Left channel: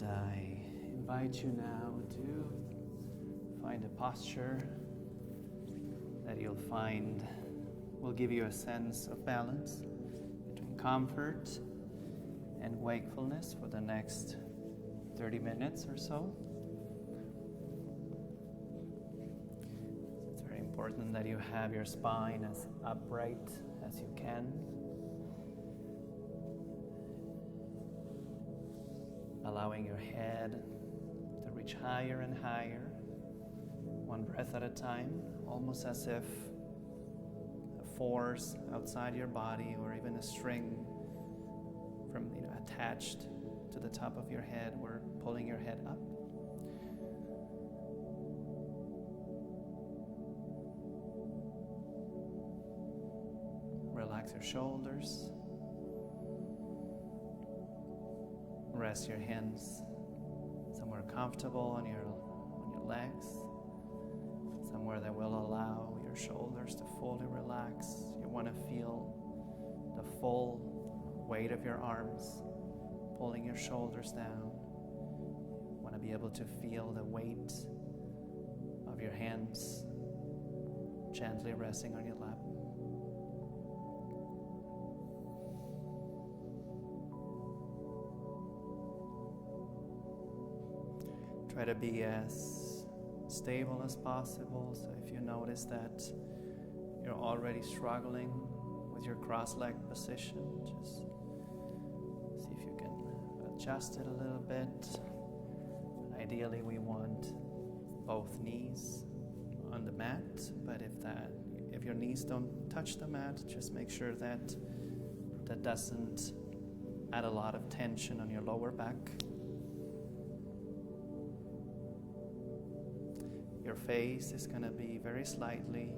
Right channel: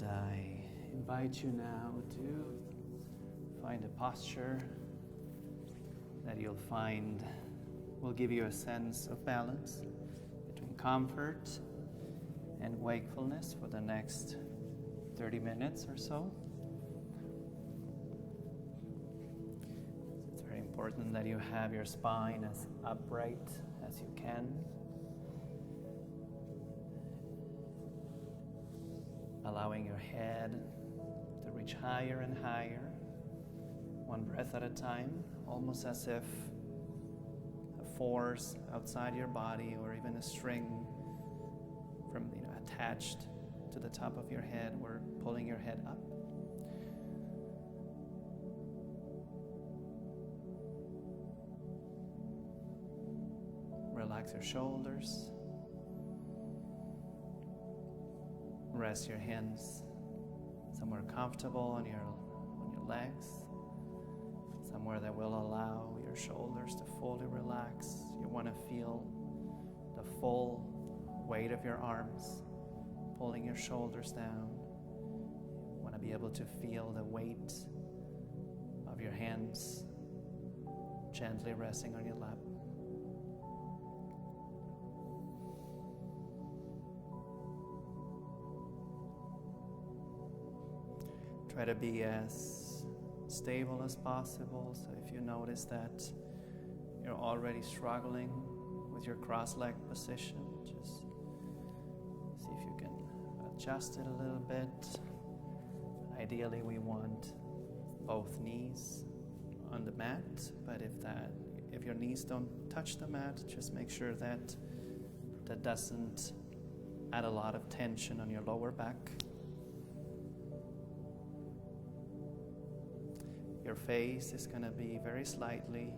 And I invite you now to find a posture that you'll find will give you a sense of balance between comfort and wakefulness for the next 30 minutes or so. It's very important that you have your spine as upright as you can, allowing your head to reach higher and higher, one breath at a time, almost as if a force outside your body or even a string from attached to the top of your head were pulling your head up. Relax your shoulders. Rest your hands somewhere comfortable on your legs, somewhere that will allow your shoulders to fully relax. You want to feel the full weight of your arms pulling your shoulders down. You want to be able to feel the weight of your hands gently resting on your lap. Try to be as stable as possible. So if you notice that you're already struggling with your cross-legged position, just see if you can adjust it a little bit. Ideally, we want both knees on the mat, but if your knees don't touch the mat, just make sure that doesn't add a lot of tension on your lower back. Your face is going to be very slightly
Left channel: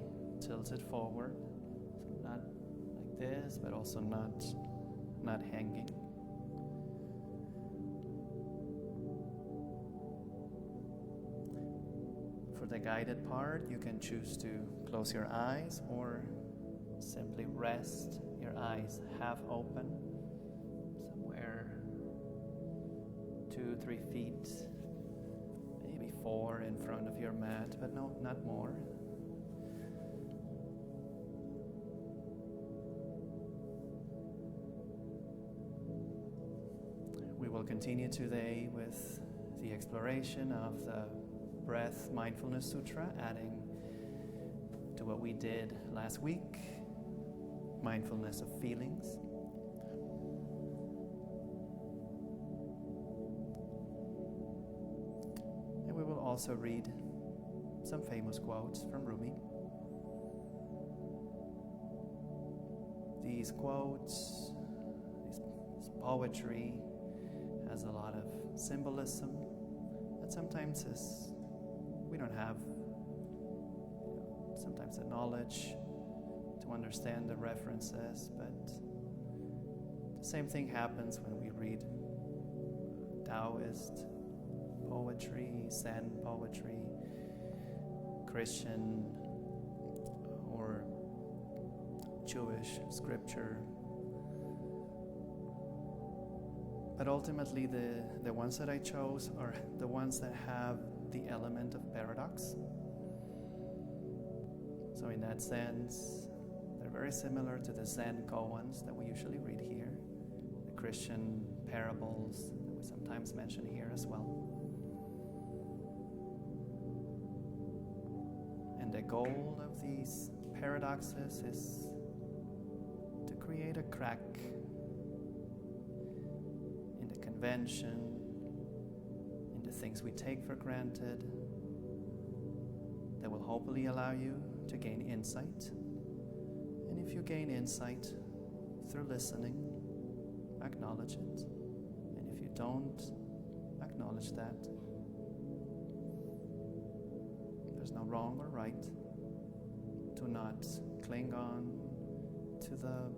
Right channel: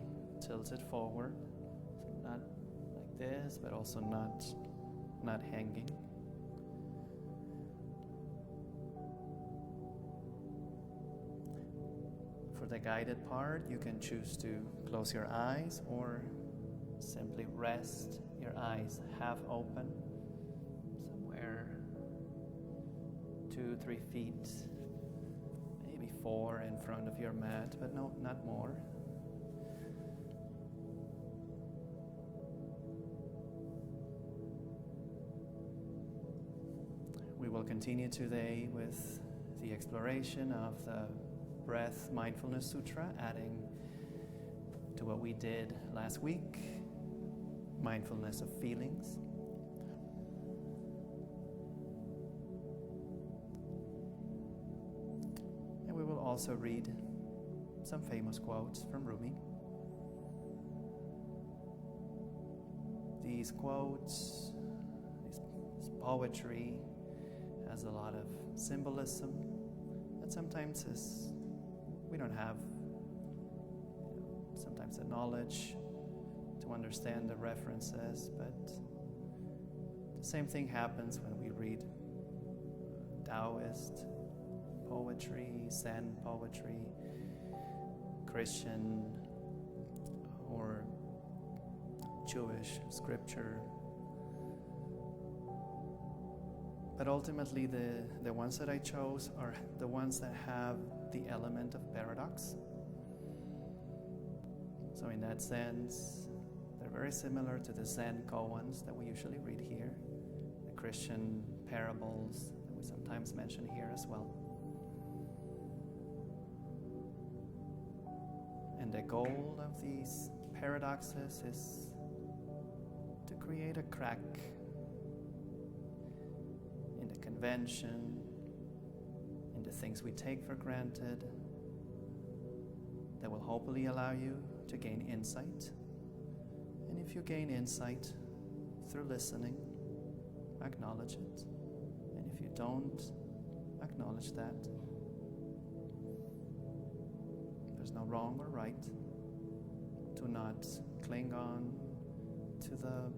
tilted forward, so not like this, but also not hanging. For the guided part, you can choose to close your eyes or simply rest your eyes half open, somewhere 2-3 feet, maybe 4 in front of your mat, but no, not more. We will continue today with the exploration of the Breath-Mindfulness Sūtra, adding to what we did last week, Mindfulness of Feelings. And we will also read some famous quotes from Rumi. These quotes, this poetry has a lot of symbolism that sometimes we don't have sometimes the knowledge to understand the references, but the same thing happens when we read Taoist poetry, Zen poetry, Christian or Jewish scripture. But ultimately the ones that I chose are the ones that have the element of paradox. So in that sense, they're very similar to the Zen koans that we usually read here, the Christian parables that we sometimes mention here as well. And the goal of these paradoxes is to create a crack in the convention, in the things we take for granted, that will hopefully allow you to gain insight. And if you gain insight through listening, acknowledge it. And if you don't acknowledge that, there's no wrong or right. Do not cling on to the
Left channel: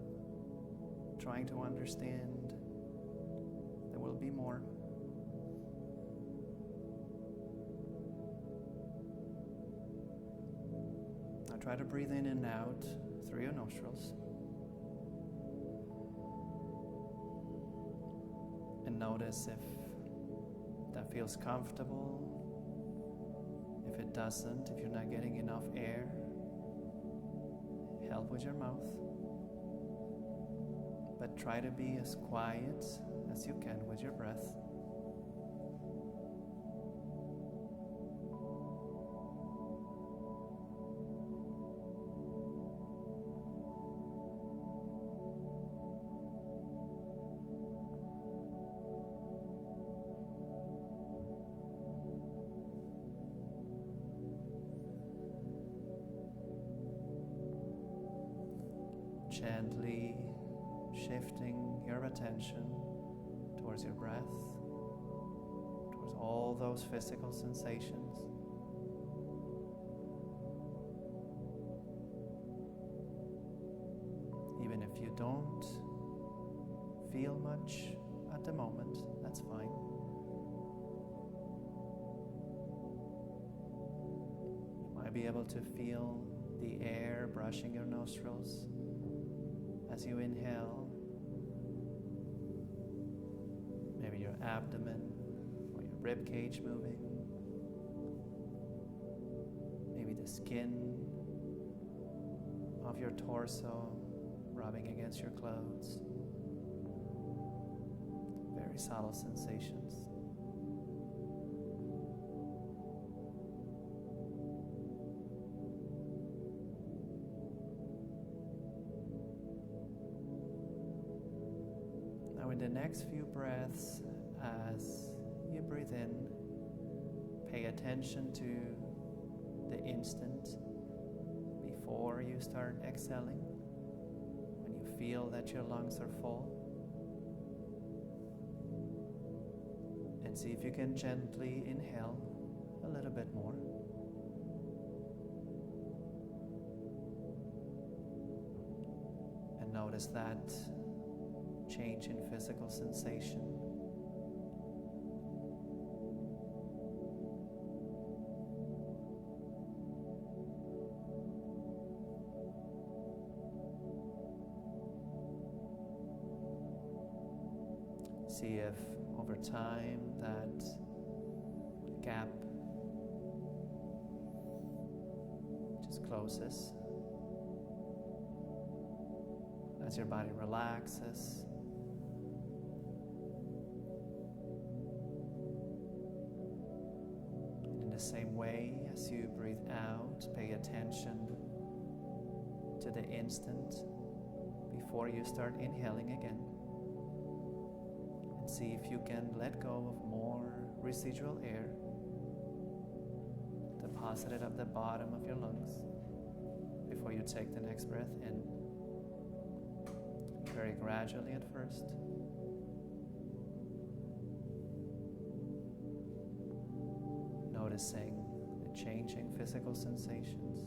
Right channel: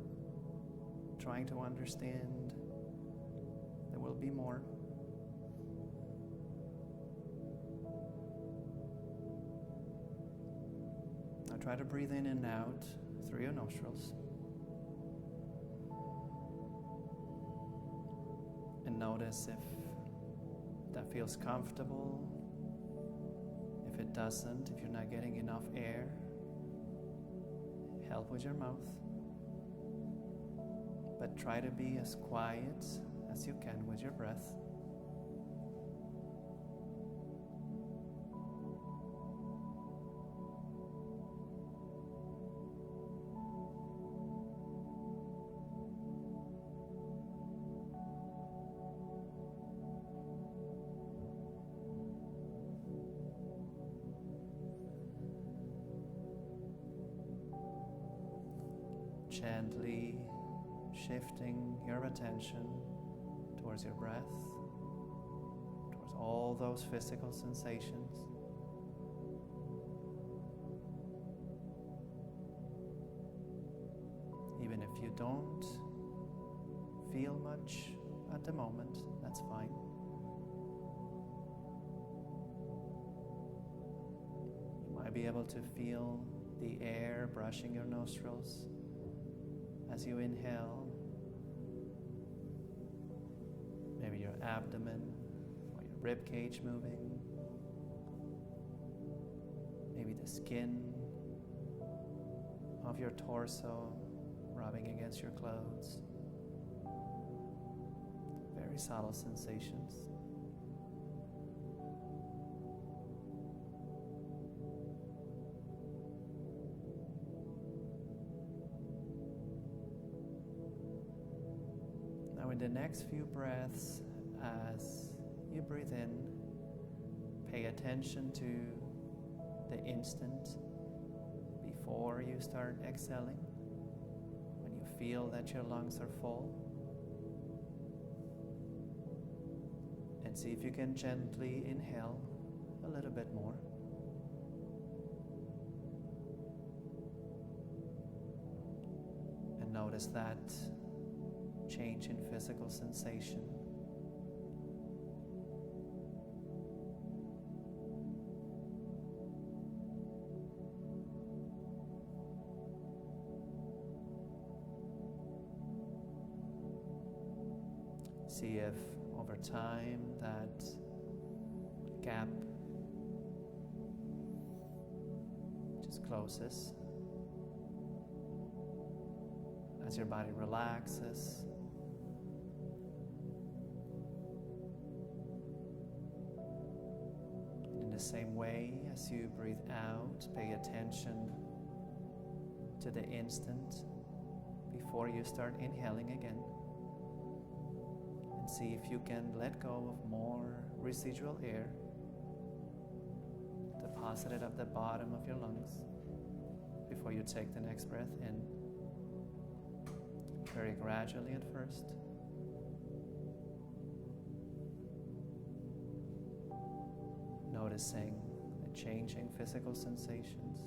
trying to understand. There will be more. Now try to breathe in and out through your nostrils. And notice if that feels comfortable. If it doesn't, if you're not getting enough air, help with your mouth. But try to be as quiet as you can with your breath. Gently shifting your attention towards your breath, towards all those physical sensations. Even if you don't feel much at the moment, that's fine. You might be able to feel the air brushing your nostrils as you inhale. Maybe your abdomen or your rib cage moving. Maybe the skin of your torso rubbing against your clothes. Very subtle sensations. Now in the next few breaths, as you breathe in, pay attention to the instant before you start exhaling, when you feel that your lungs are full. And see if you can gently inhale a little bit more. And notice that change in physical sensation. See if over time that gap just closes as your body relaxes. In the same way, as you breathe out, pay attention to the instant before you start inhaling again. And see if you can let go of more residual air deposited at the bottom of your lungs before you take the next breath in. Very gradually at first. Noticing the changing physical sensations.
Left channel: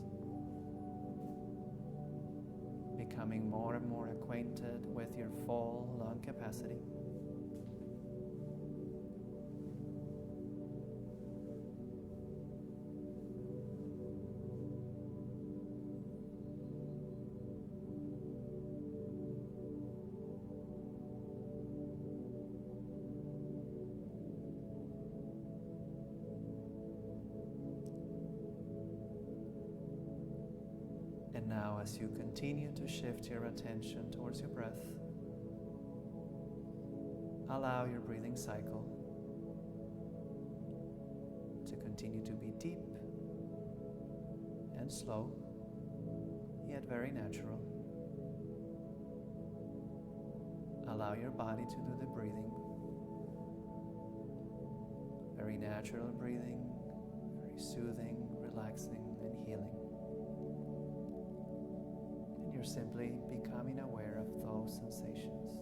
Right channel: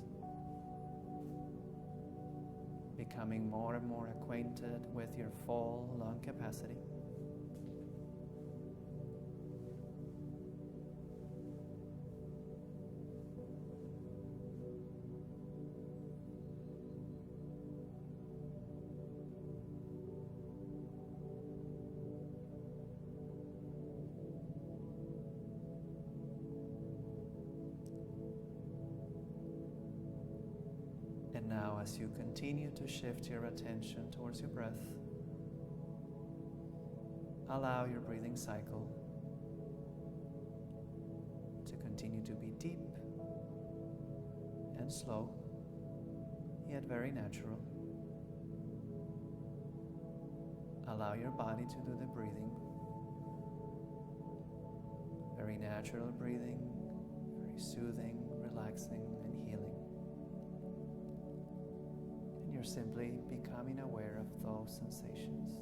Becoming more and more acquainted with your full lung capacity. And now, as you continue to shift your attention towards your breath, allow your breathing cycle to continue to be deep and slow, yet very natural. Allow your body to do the breathing. Very natural breathing, very soothing, relaxing, and healing. You're simply becoming aware of those sensations.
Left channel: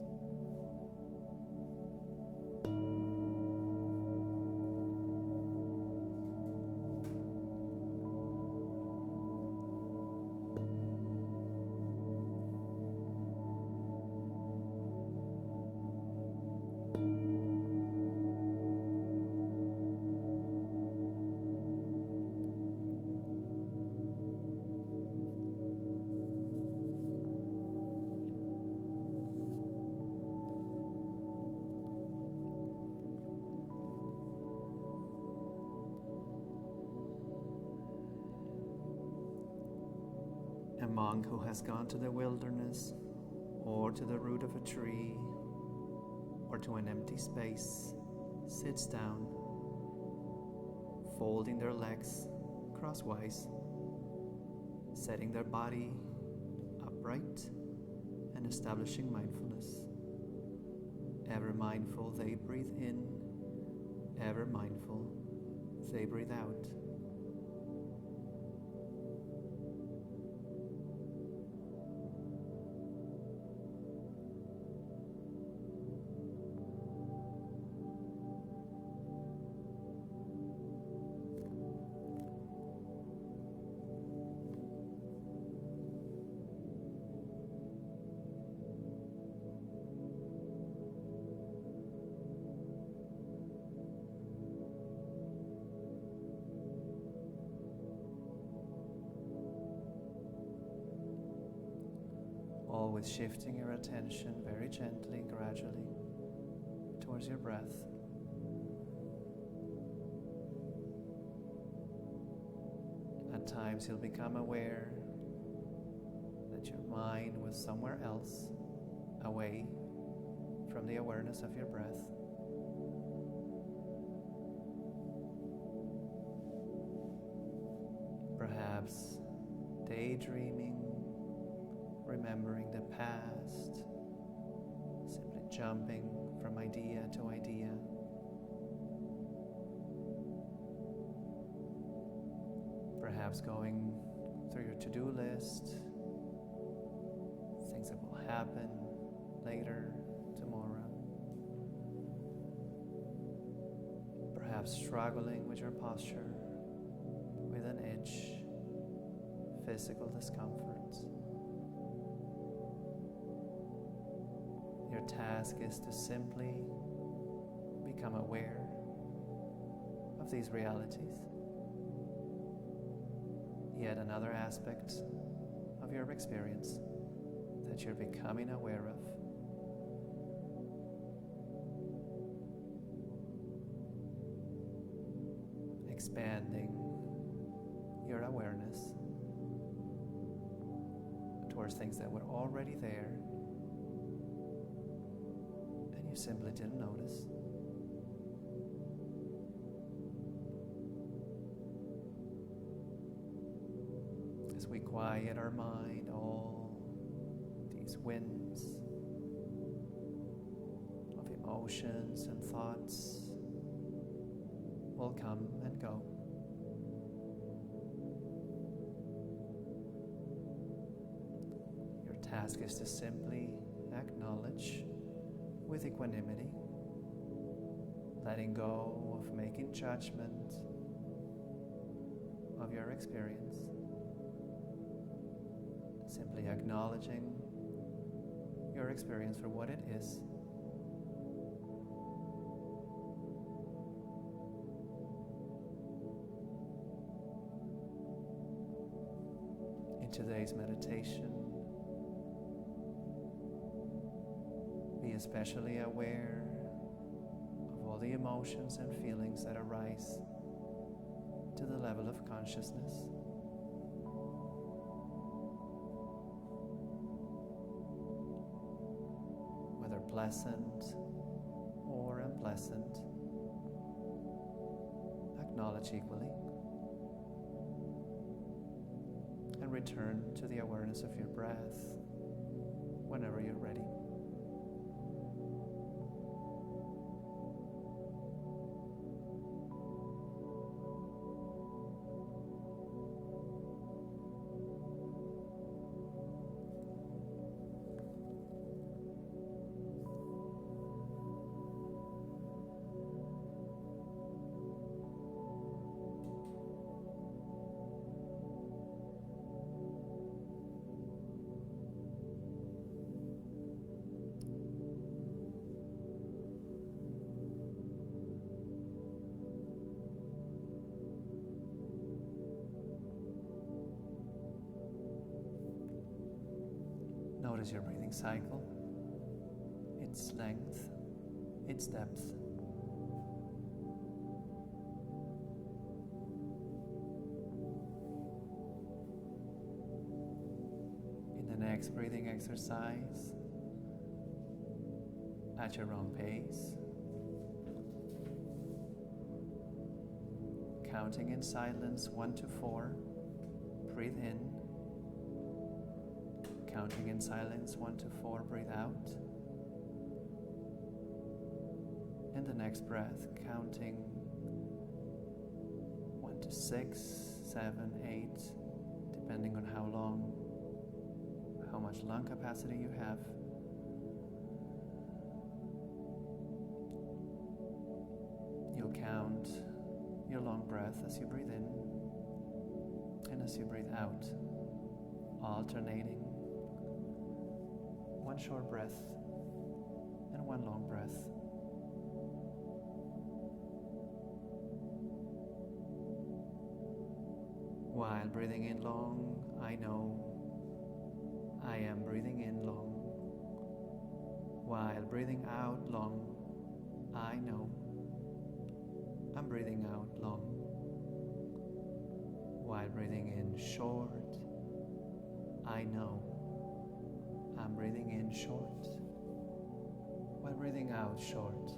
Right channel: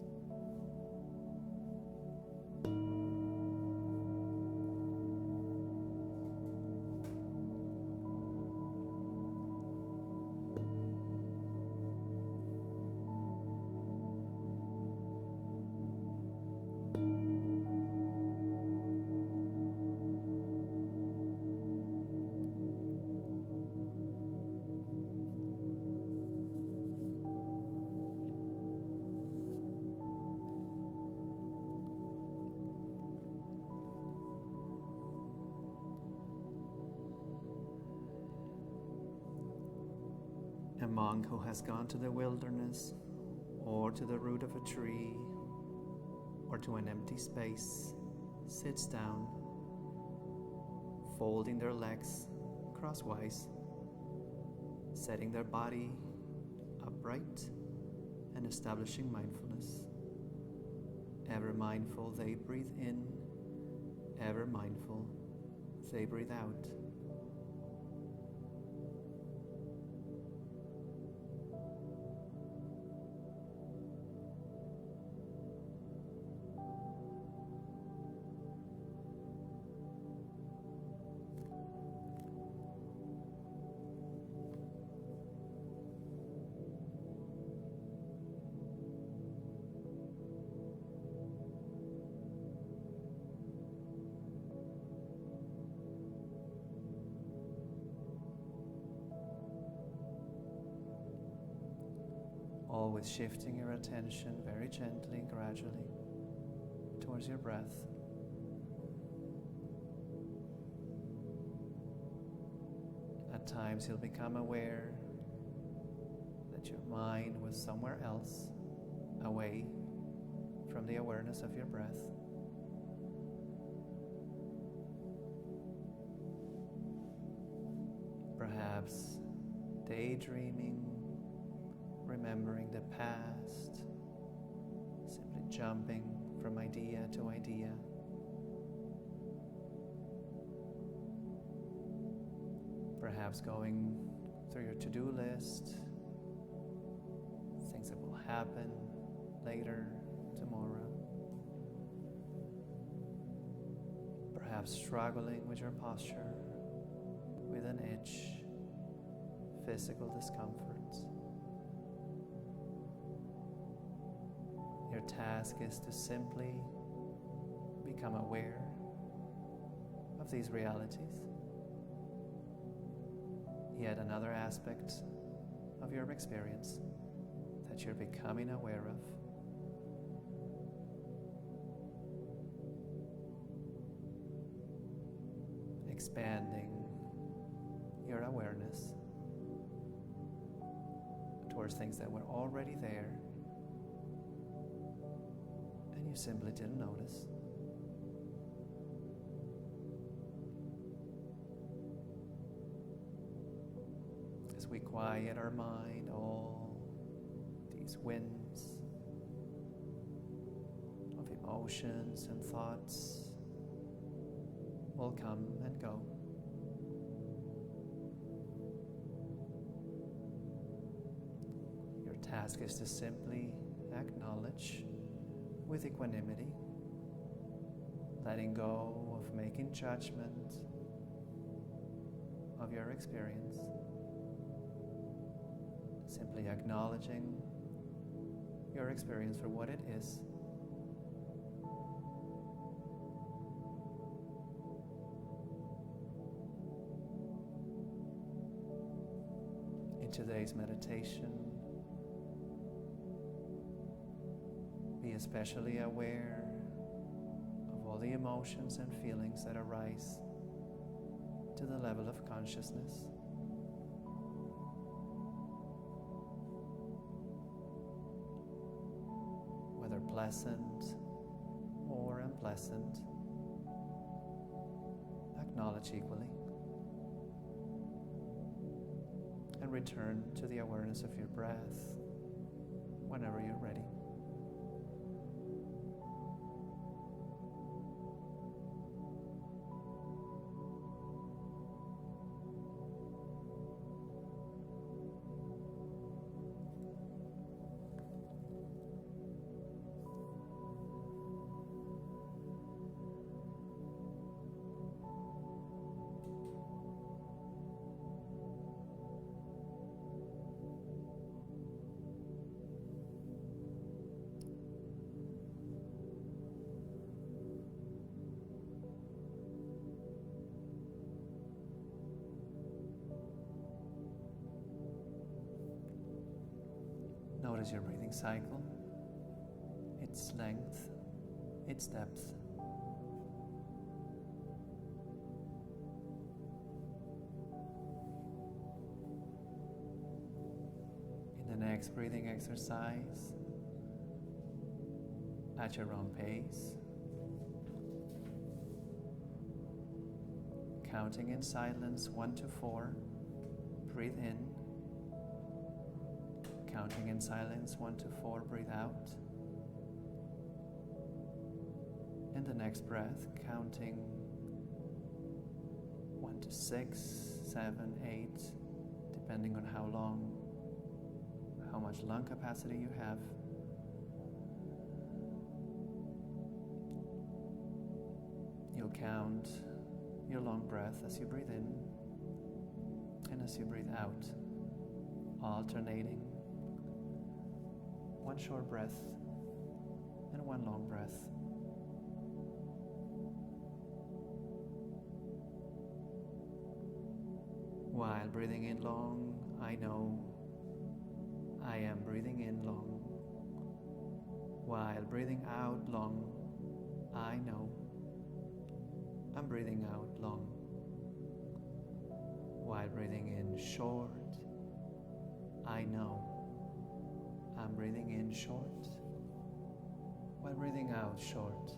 A monk who has gone to the wilderness, or to the root of a tree, or to an empty space, sits down, folding their legs crosswise, setting their body upright, and establishing mindfulness. Ever mindful, they breathe in. Ever mindful, they breathe out. Always shifting your attention very gently, gradually, towards your breath. At times you'll become aware that your mind was somewhere else, away from the awareness of your breath. Perhaps daydreaming, remembering the past, simply jumping from idea to idea. Perhaps going through your to-do list, things that will happen later, tomorrow. Perhaps struggling with your posture, with an itch, physical discomforts. Your task is to simply become aware of these realities. Yet another aspect of your experience that you're becoming aware of. Expanding your awareness towards things that were already there and you simply didn't notice. As we quiet our mind, all these winds of emotions and thoughts will come and go. Your task is to simply acknowledge with equanimity, letting go of making judgment of your experience, simply acknowledging your experience for what it is. In today's meditation, be especially aware of all the emotions and feelings that arise to the level of consciousness. Whether pleasant or unpleasant, acknowledge equally. And return to the awareness of your breath whenever you're ready. Notice your breathing cycle, its length, its depth. next breathing exercise at your own pace. Counting in silence 1 to 4, breathe in. Counting in silence 1 to 4, breathe out. In the next breath, counting 1 to 6, 7, 8, depending on how much lung capacity you have. You'll count your long breath as you breathe in and as you breathe out, alternating one short breath and one long breath. While breathing in long, I know I am breathing in long. While breathing out long, I know I'm breathing out long. While breathing in short, I know I'm breathing in short. While breathing out short,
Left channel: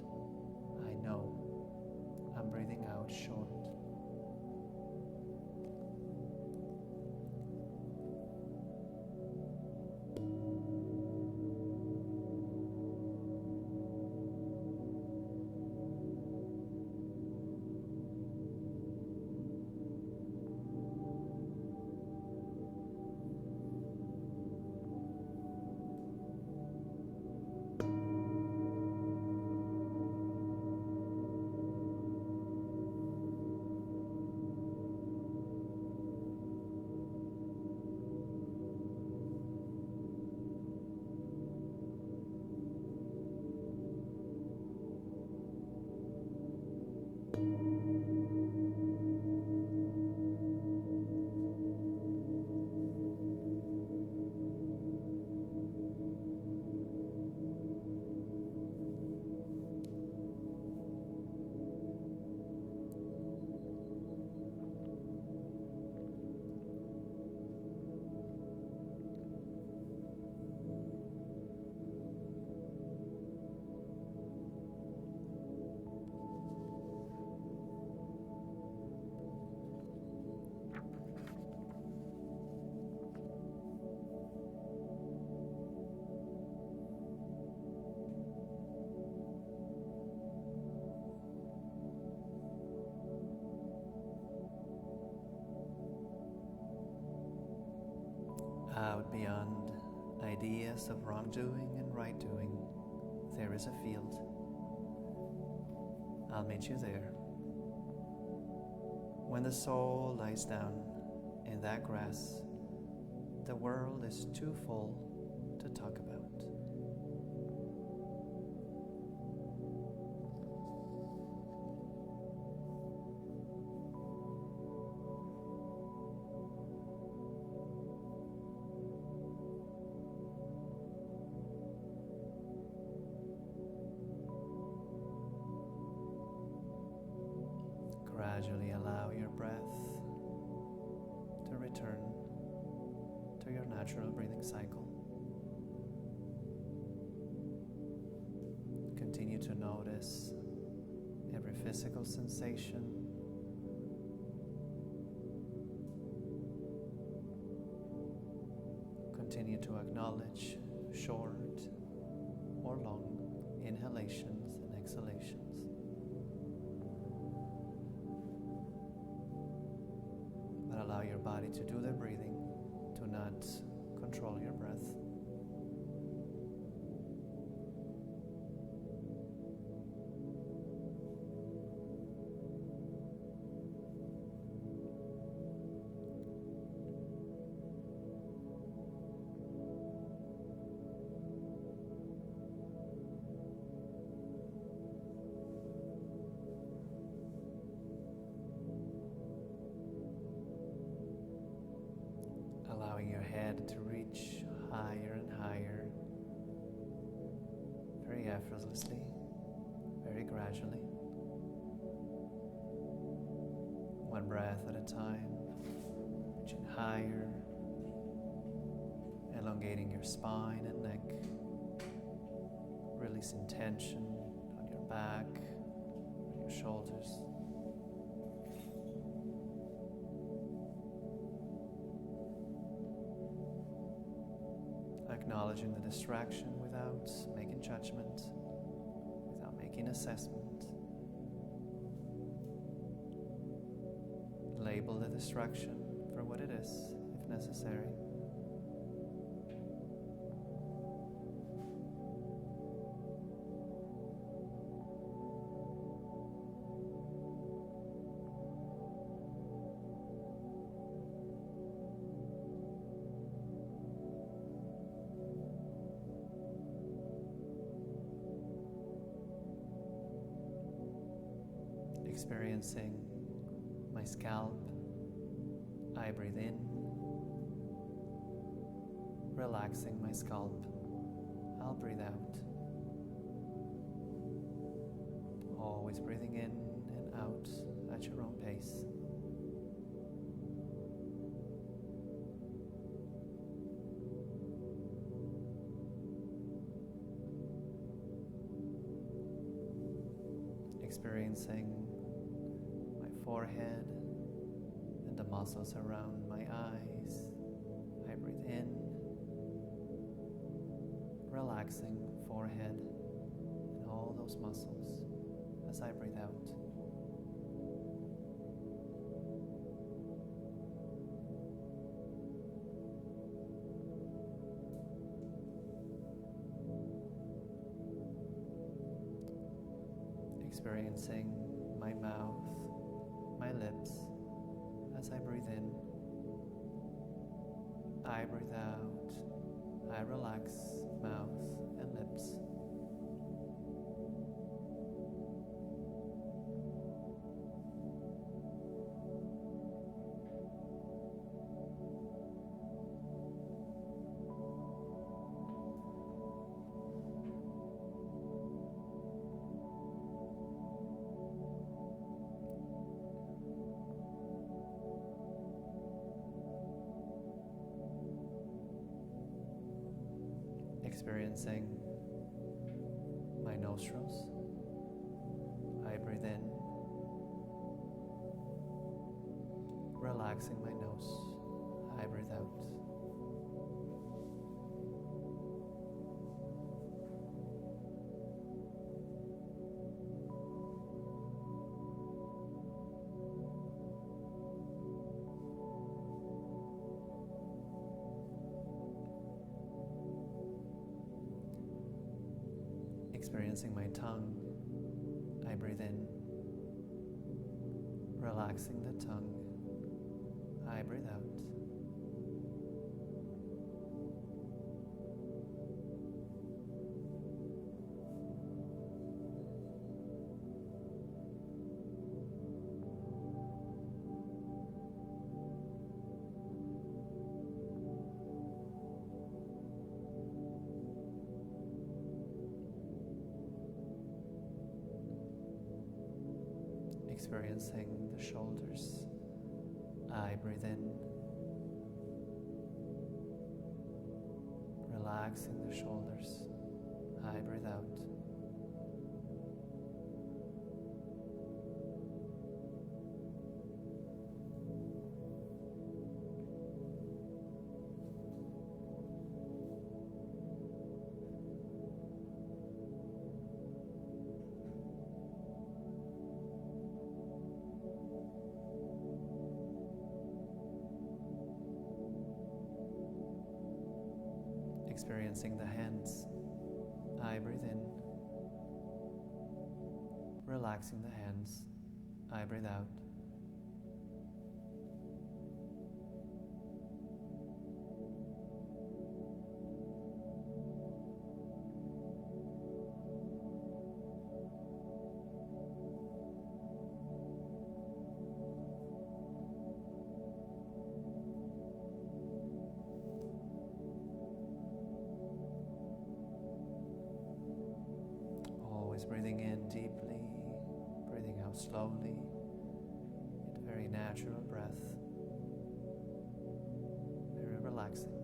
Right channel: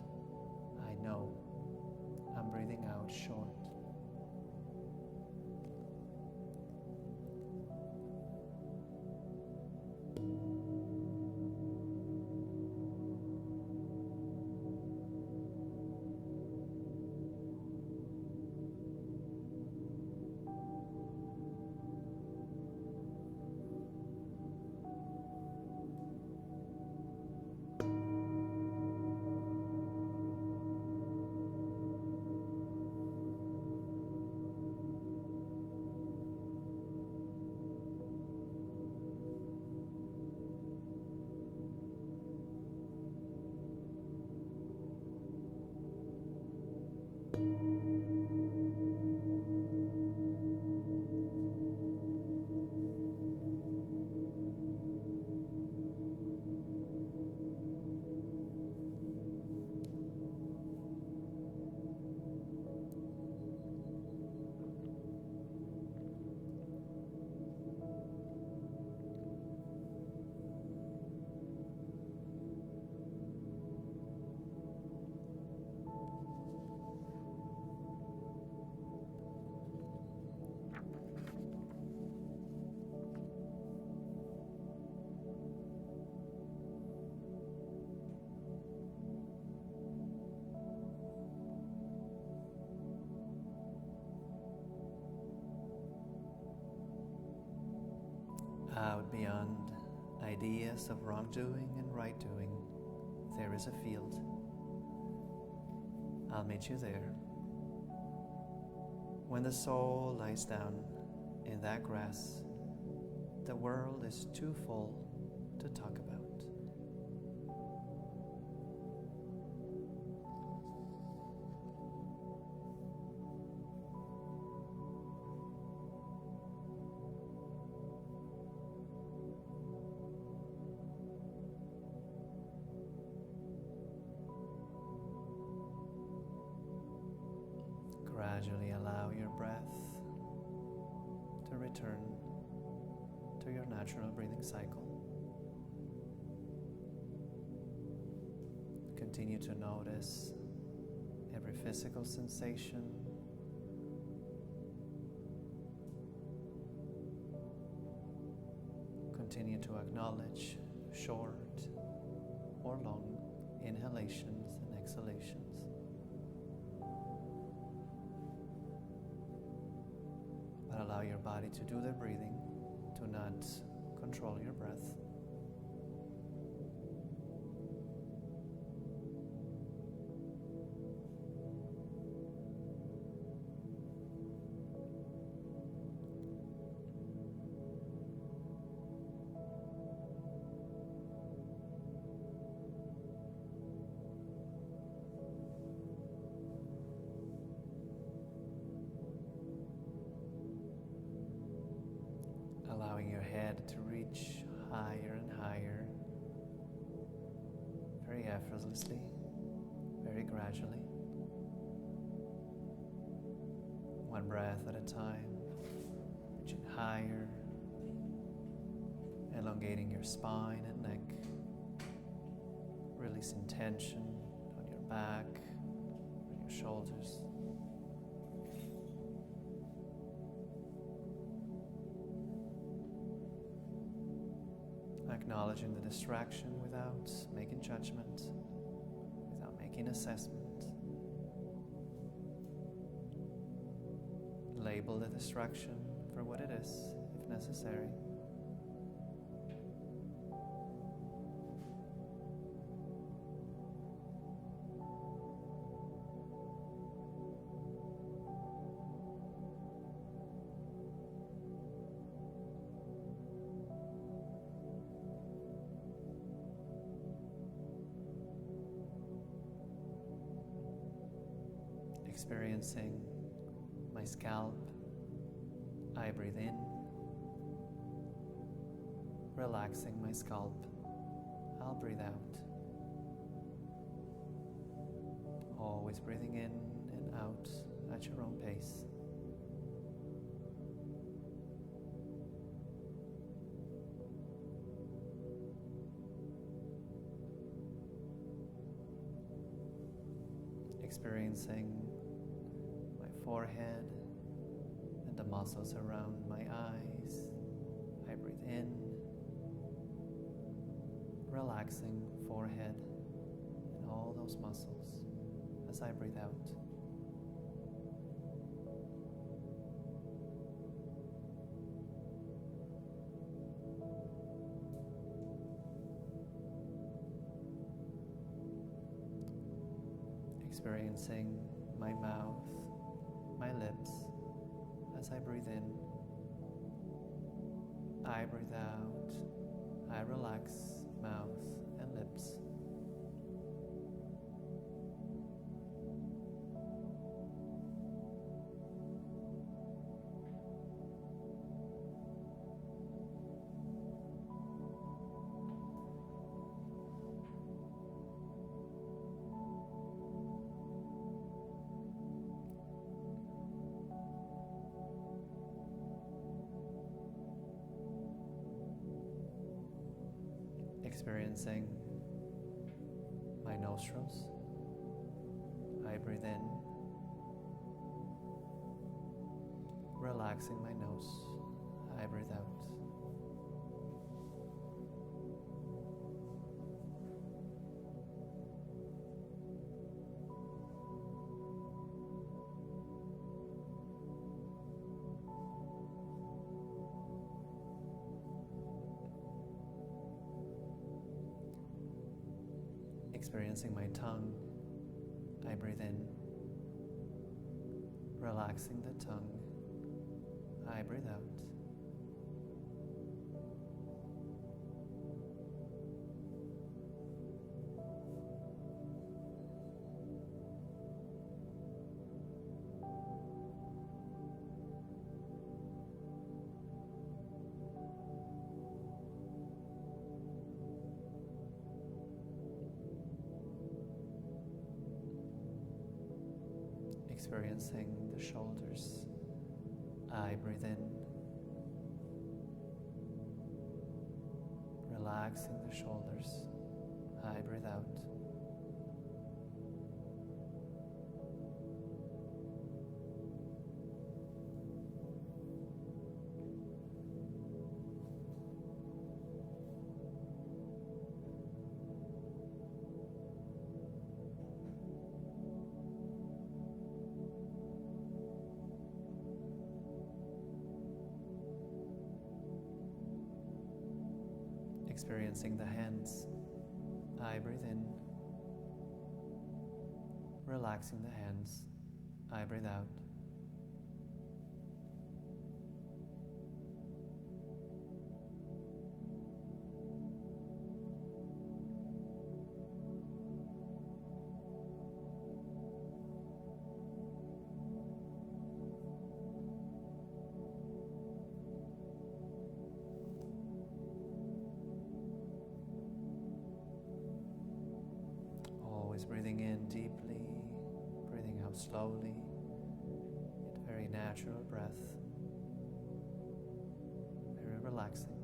I know I'm breathing out short. Out beyond ideas of wrongdoing and right doing, there is a field. I'll meet you there. When the soul lies down in that grass, the world is too full to talk about. Gradually allow your breath to return to your natural breathing cycle. Continue to notice every physical sensation. Continue to acknowledge short or long inhalations and exhalations. But allow your body to do the breathing. Do not control your breath. Allowing your head to reach higher and higher, very effortlessly, very gradually. One breath at a time, reaching higher elongating your spine and neck, releasing tension on your back, on your shoulders. Acknowledging the distraction without making judgment, without making assessment. Label the distraction for what it is, if necessary. Experiencing my scalp. I breathe in, relaxing my scalp. I'll breathe out. Always breathing in and out at your own pace. Experiencing my forehead and the muscles around my eyes. I breathe in, relaxing forehead and all those muscles as I breathe out. Experiencing my mouth, my lips, as I breathe in. I breathe out. I relax mouth and lips. Experiencing my nostrils. I breathe in, relaxing my nose. I breathe out. Experiencing my tongue. I breathe in, relaxing the tongue. I breathe out. Experiencing the shoulders. I breathe in, relaxing the shoulders. I breathe out. Experiencing the hands. I breathe in, relaxing the hands. I breathe out. Breathing in deeply, breathing out slowly, yet very natural breath, very relaxing.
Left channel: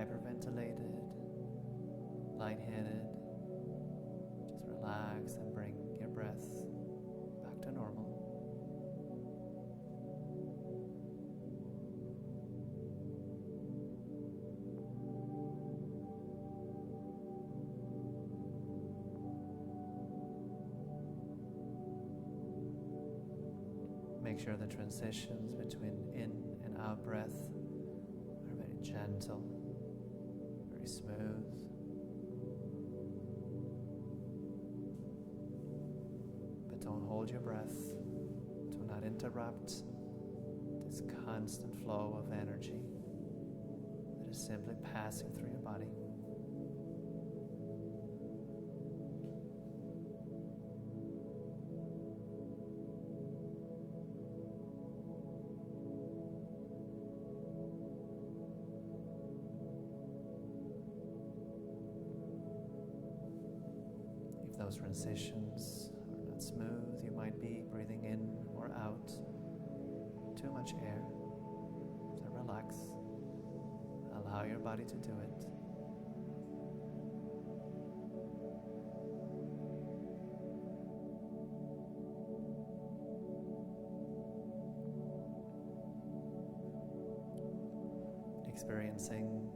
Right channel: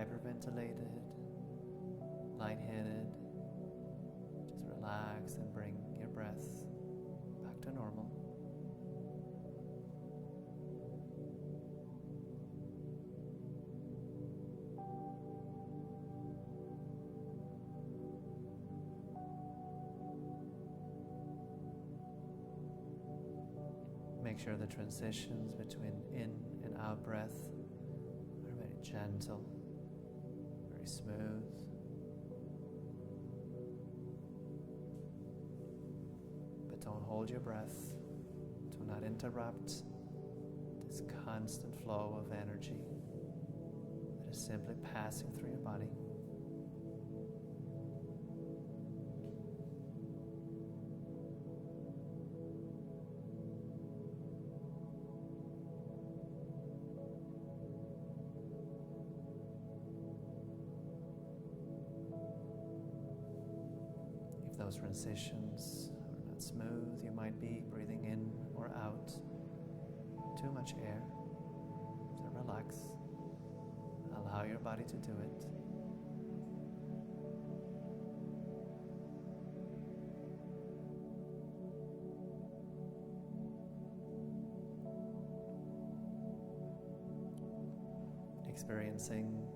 hyperventilated, lightheaded, just relax and bring your breath back to normal. Make sure the transitions between in and out breath are very gentle, very smooth. But don't hold your breath. Do not interrupt this constant flow of energy that is simply passing through your body. Those transitions are not smooth. You might be breathing in or out too much air. So relax. Allow your body to do it. Experiencing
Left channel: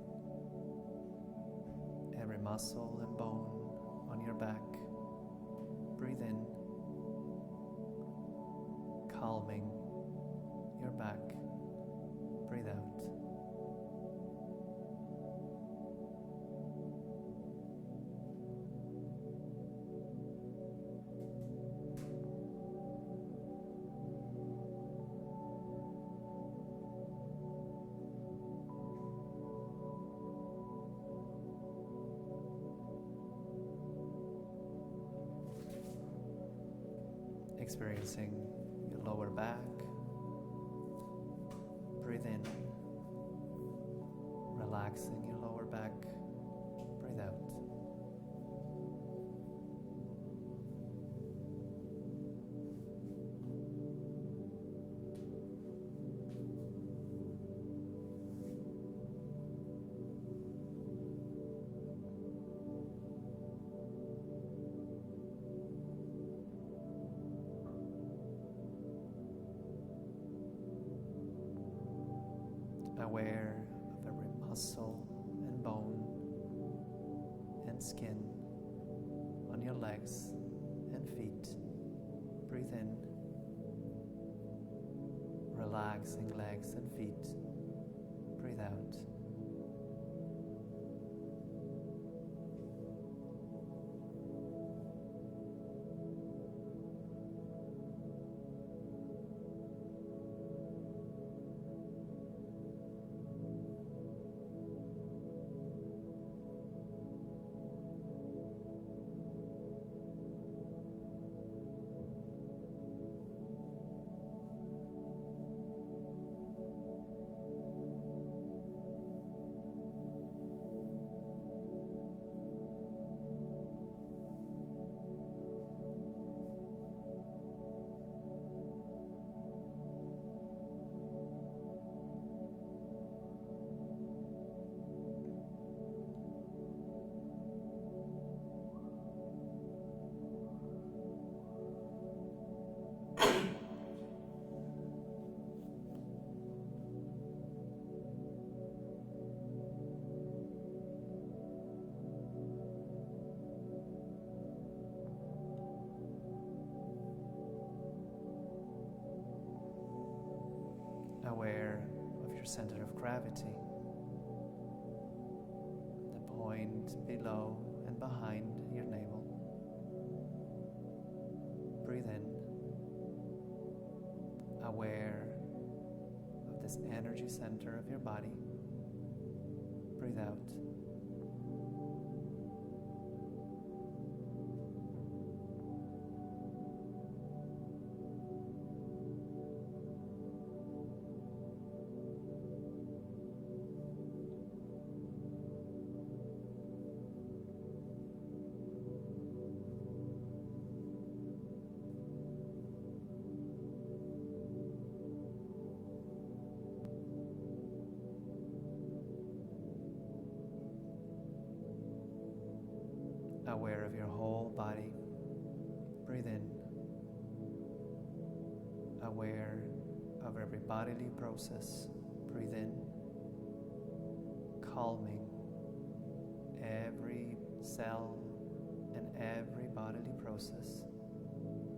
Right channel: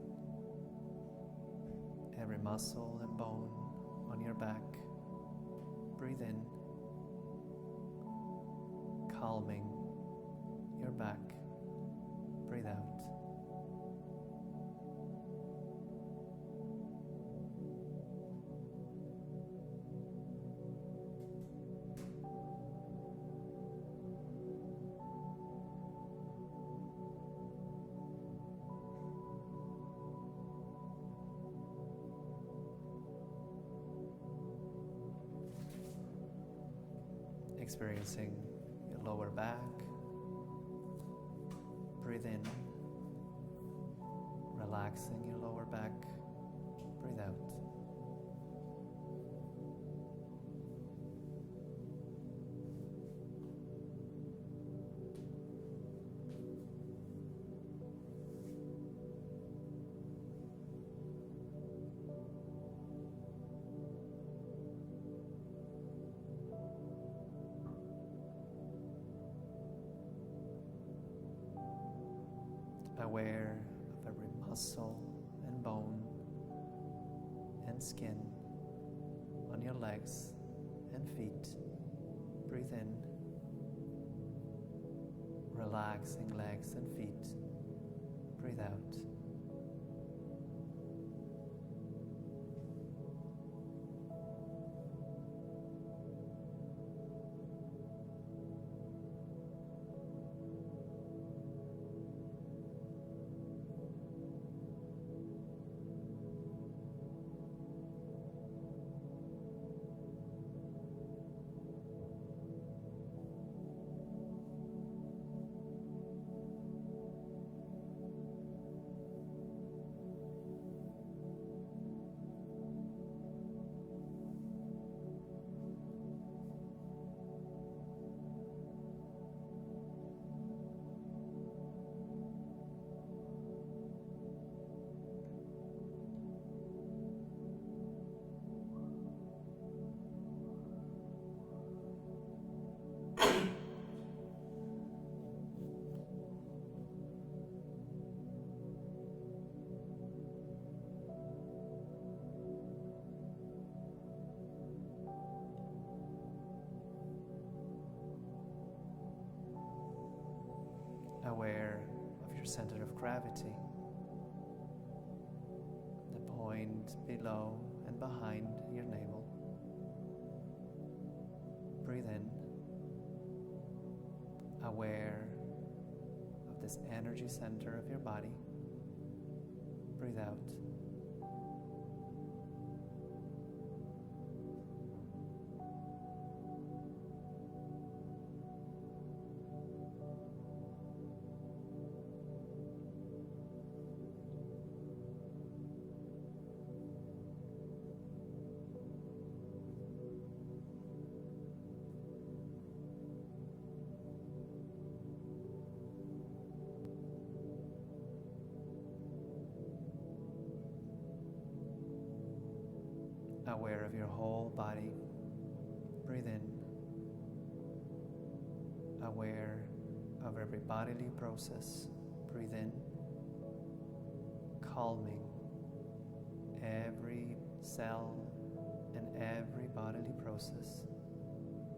every muscle and bone on your back. Breathe in, calming your back. Breathe out. Experiencing your lower back. Breathe in, relaxing your lower back. Breathe out. Aware of every muscle and bone and skin on your legs and feet. Breathe in, relaxing legs and feet. Breathe out. Aware of your center of gravity, the point below and behind your navel. Breathe in, aware of this energy center of your body. Breathe out. aware of your whole body. Breathe in, aware of every bodily process. Breathe in, calming every cell and every bodily process.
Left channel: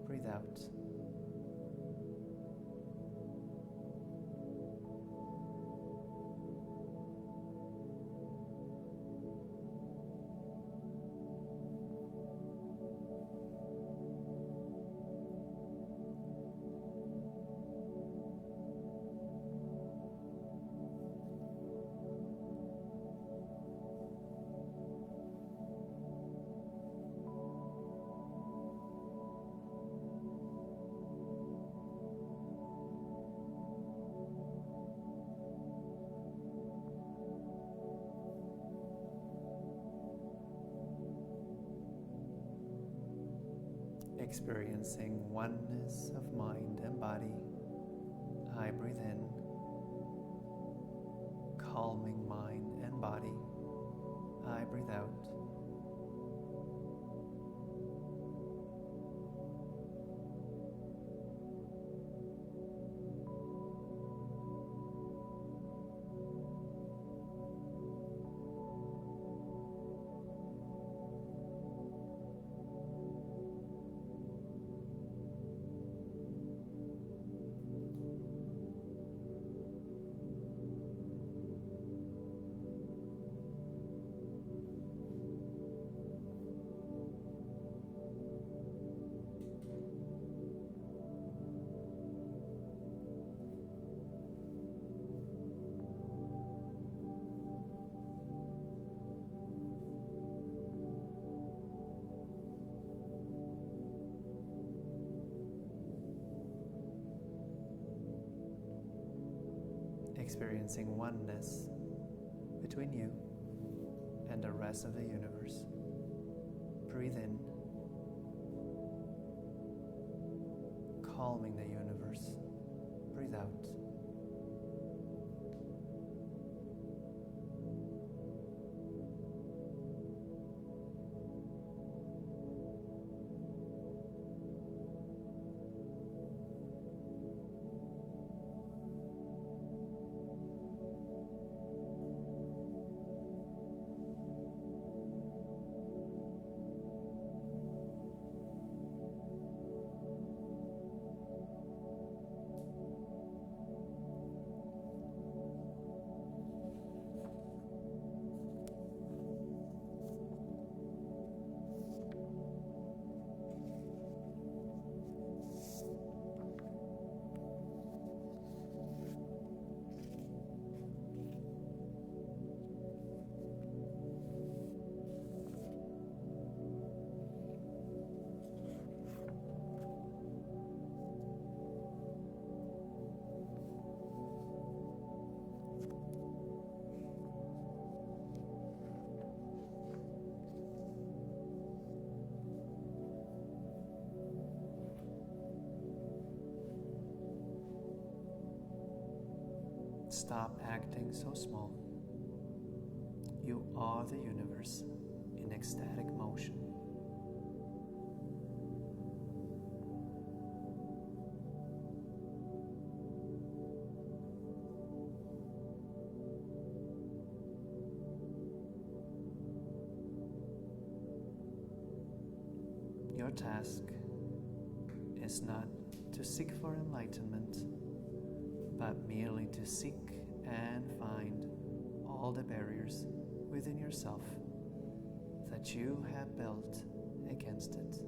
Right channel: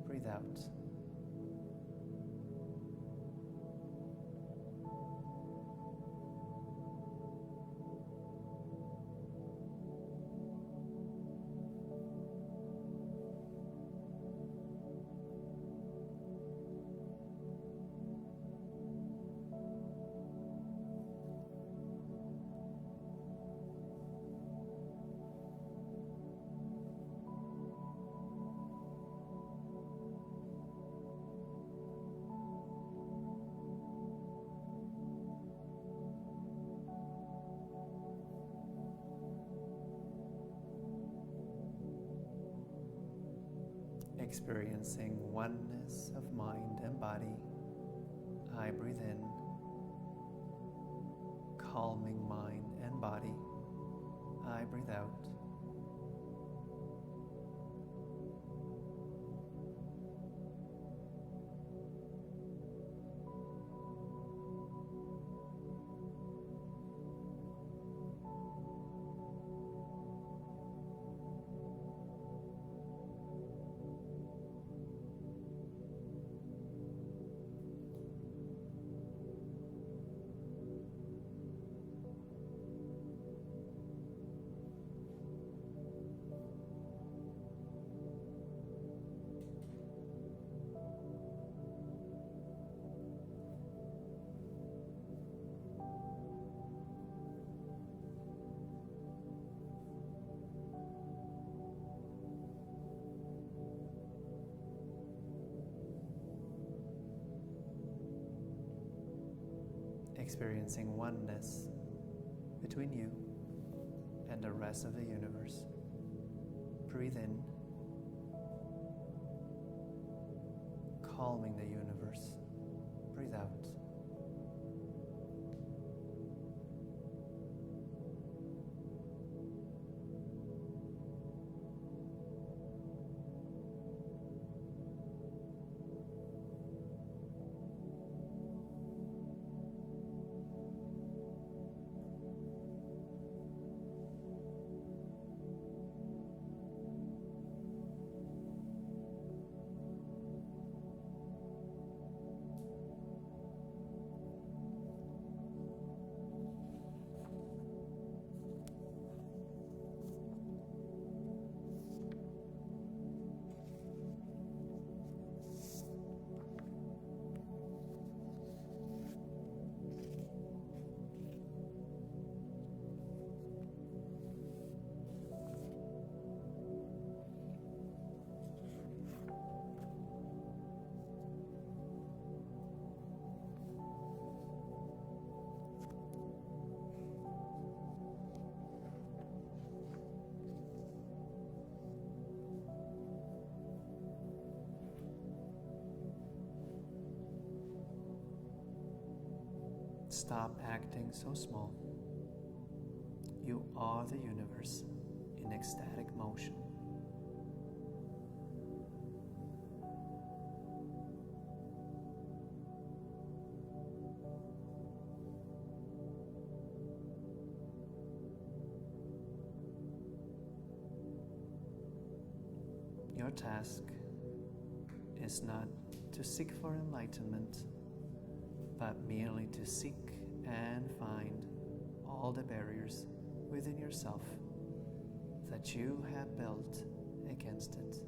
Breathe out. Experiencing oneness of mind and body. I breathe in, calming mind and body. I breathe out. Experiencing oneness between you and the rest of the universe. Breathe in, calming the universe. Breathe out. Stop acting so small. You are the universe in ecstatic motion. Your task is not to seek for enlightenment, but merely to seek and find all the barriers within yourself that you have built against it.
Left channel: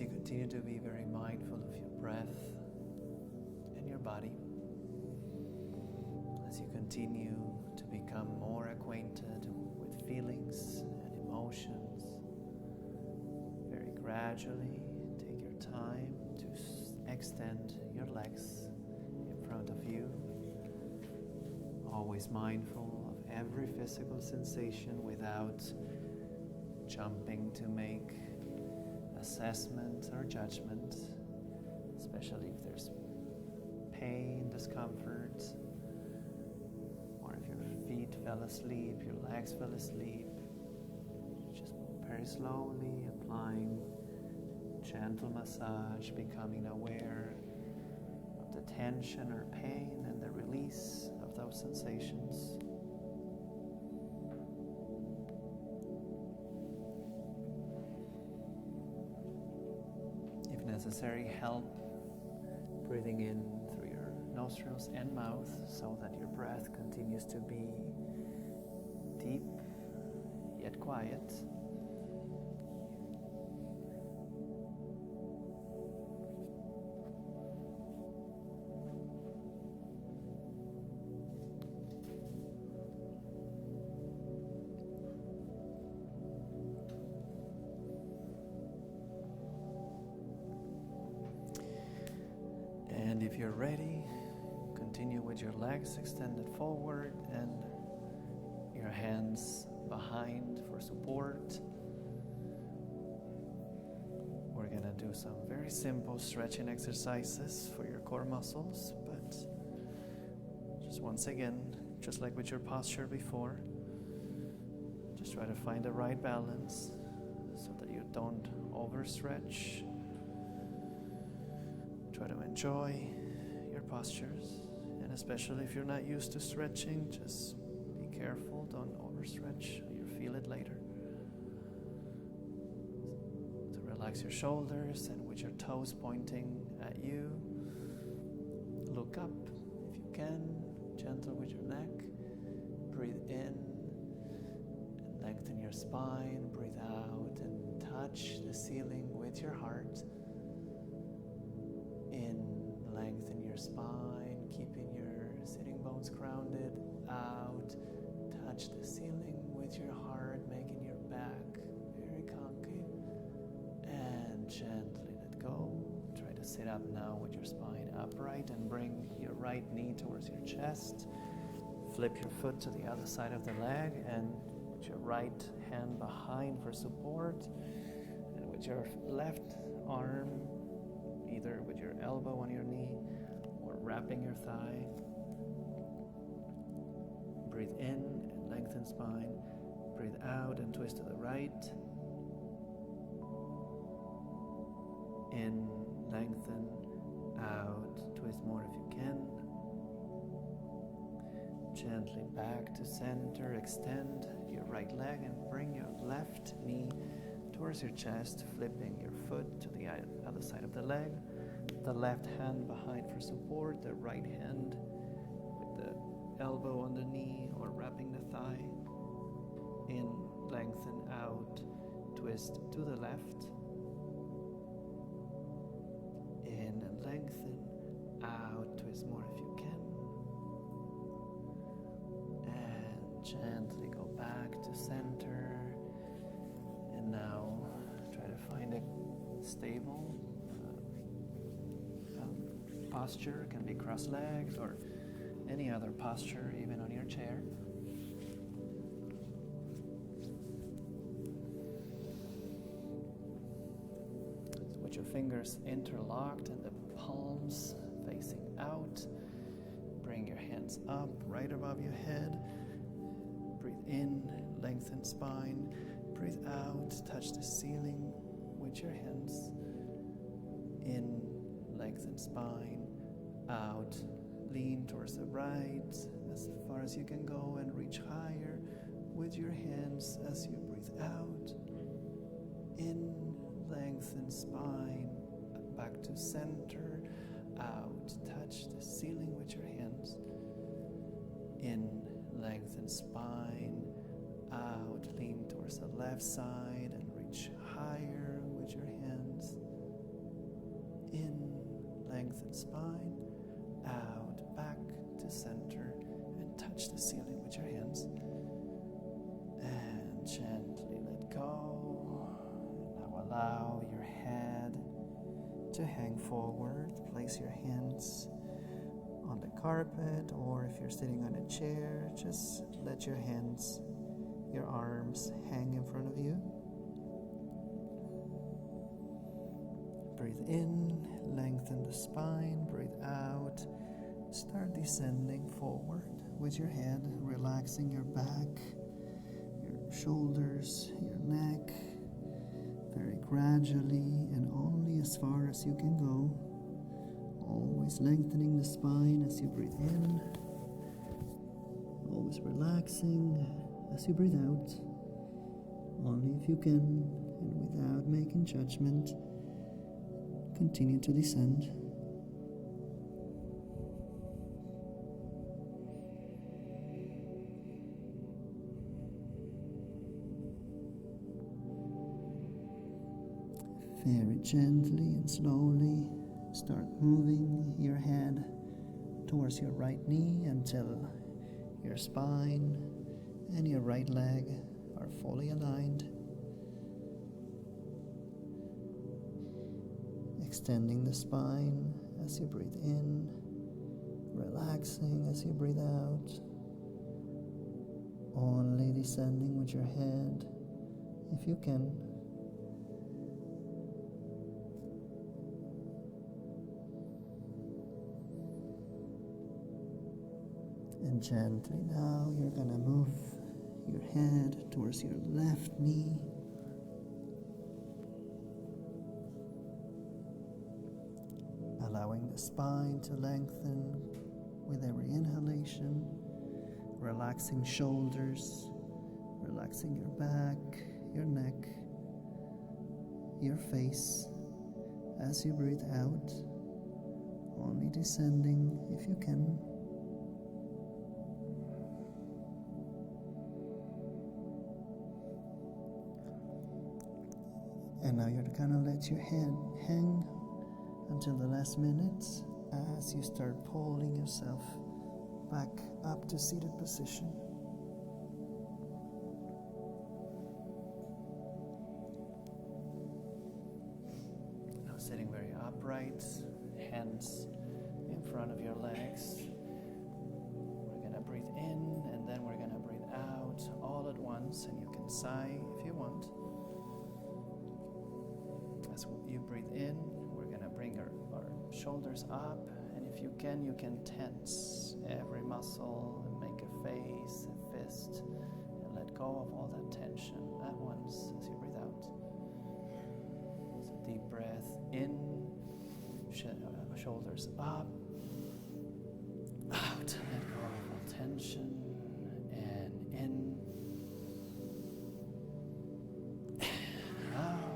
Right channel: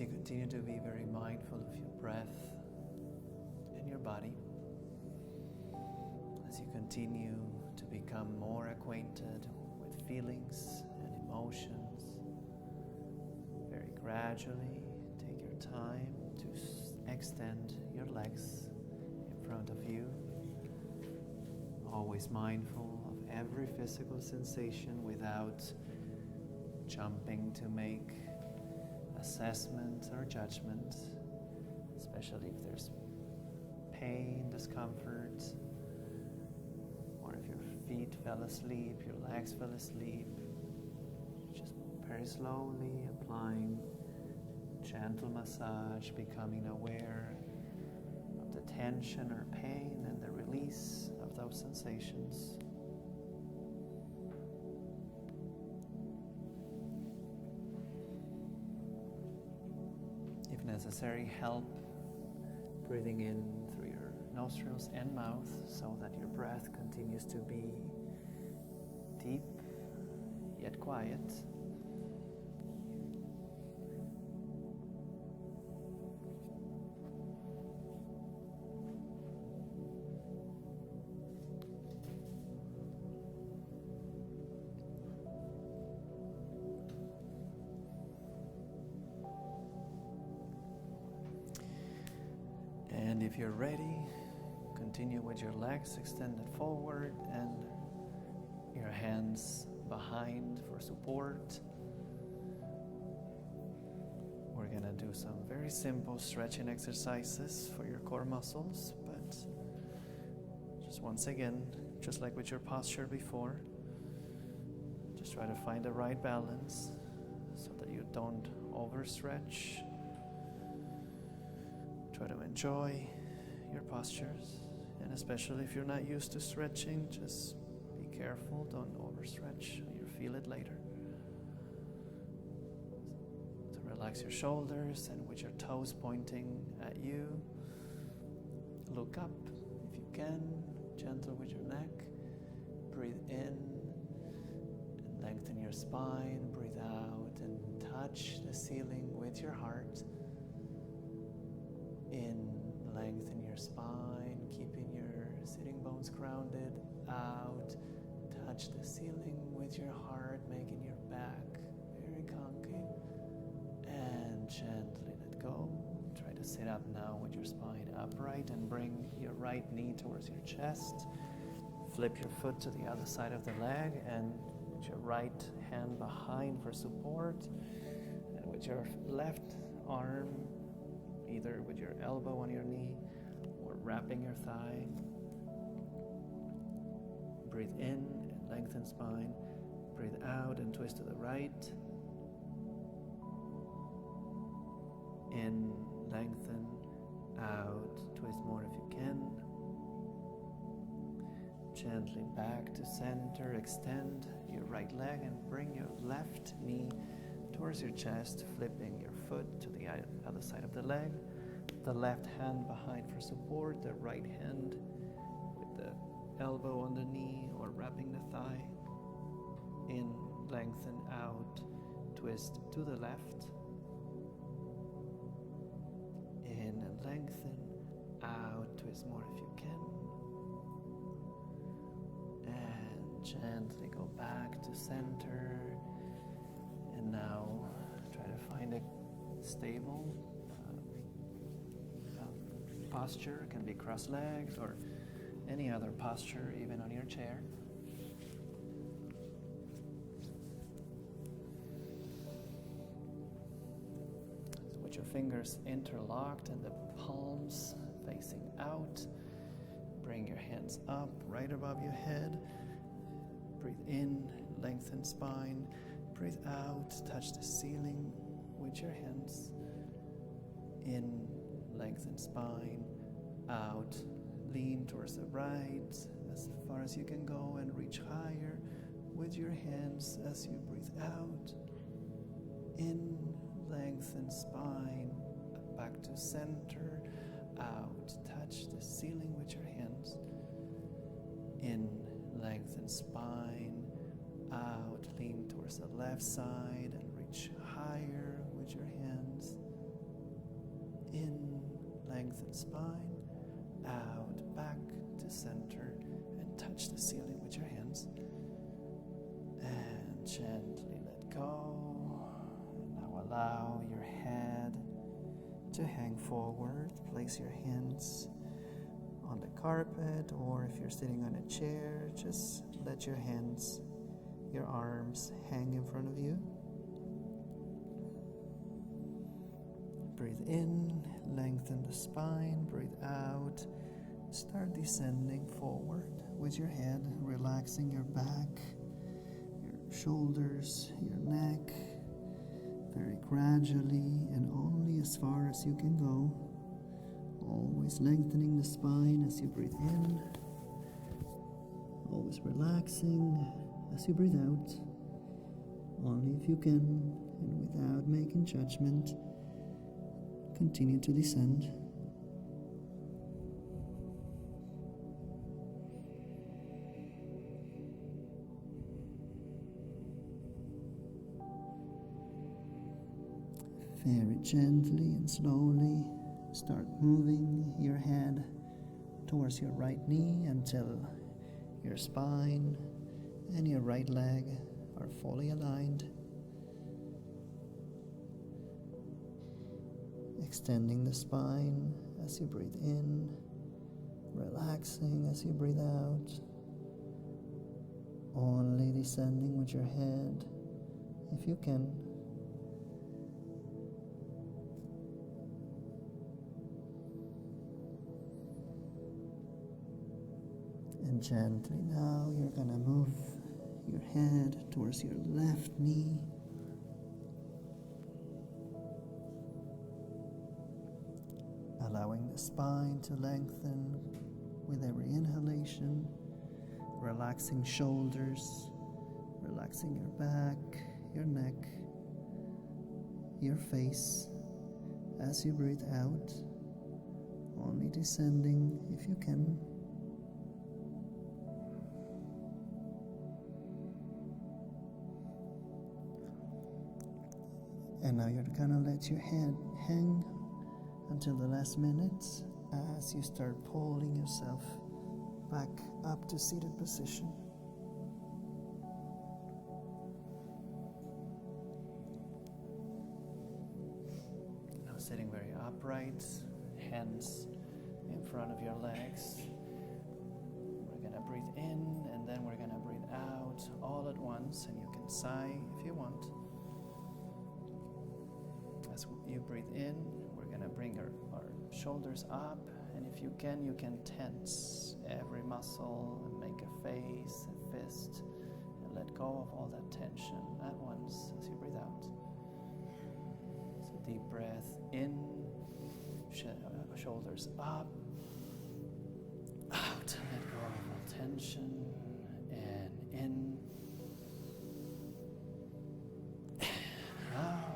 as you continue to be very mindful of your breath and your body, as you continue to become more acquainted with feelings and emotions, very gradually take your time to extend your legs in front of you, always mindful of every physical sensation without jumping to make assessment or judgment, especially if there's pain, discomfort, or if your feet fell asleep, your legs fell asleep. Just very slowly applying gentle massage, becoming aware of the tension or pain and the release of those sensations. If necessary, help breathing in through your nostrils and mouth so that your breath continues to be deep yet quiet. And if you're ready, continue with your legs extended forward and your hands behind for support. We're going to do some very simple stretching exercises for your core muscles, but just once again, just like with your posture before, just try to find the right balance so that you don't overstretch. Try to enjoy your postures, and especially if you're not used to stretching, just be careful, don't overstretch, or you'll feel it later. So relax your shoulders, and with your toes pointing at you, look up if you can, gentle with your neck. Breathe in and lengthen your spine, breathe out and touch the ceiling with your heart. In, lengthen your spine, keeping your sitting bones grounded. Out, touch the ceiling with your heart, making your back very concave. And gently let go. Try to sit up now with your spine upright and bring your right knee towards your chest. Flip your foot to the other side of the leg and put your right hand behind for support. And with your left arm, either with your elbow on your knee or wrapping your thigh. Breathe in and lengthen spine. Breathe out and twist to the right. In, lengthen, out, twist more if you can. Gently back to center, extend your right leg and bring your left knee towards your chest, flipping your foot to the other side of the leg. The left hand behind for support, the right hand with the elbow on the knee or wrapping the thigh. In, lengthen, out, twist to the left. In and lengthen, out, twist more if you can. And gently go back to center. And now try to find a stable posture. It can be cross-legged or any other posture, even on your chair. So with your fingers interlocked and the palms facing out, bring your hands up right above your head. Breathe in, lengthen spine. Breathe out, touch the ceiling with your hands. In, lengthen spine. Out, lean towards the right as far as you can go and reach higher with your hands as you breathe out. In, lengthen spine. Back to center. Out, touch the ceiling with your hands. In, lengthen spine. Out, lean towards the left side and reach higher with your hands. in, lengthen spine, out, back to center, and touch the ceiling with your hands. And gently let go. Now allow your head to hang forward. Place your hands on the carpet, or if you're sitting on a chair, just let your hands, your arms hang in front of you. Breathe in, lengthen the spine. Breathe out, start descending forward with your head, relaxing your back, your shoulders, your neck, very gradually and only as far as you can go. Always lengthening the spine as you breathe in, always relaxing as you breathe out, only if you can, and without making judgment. Continue to descend. Very gently and slowly start moving your head towards your right knee until your spine and your right leg are fully aligned. Extending the spine as you breathe in, relaxing as you breathe out, only descending with your head if you can. And gently now you're going to move your head towards your left knee. Allowing the spine to lengthen with every inhalation, relaxing shoulders, relaxing your back, your neck, your face as you breathe out, only descending if you can. And now you're going to let your head hang until the last minute as you start pulling yourself back up to seated position. Now sitting very upright, hands in front of your legs. We're going to breathe in and then we're going to breathe out all at once, and you can sigh if you want. As you breathe in, we're going to bring our shoulders up, and if you can tense every muscle and make a face, a fist, and let go of all that tension at once as you breathe out. So deep breath in, shoulders up, out, let go of all tension, and in, out.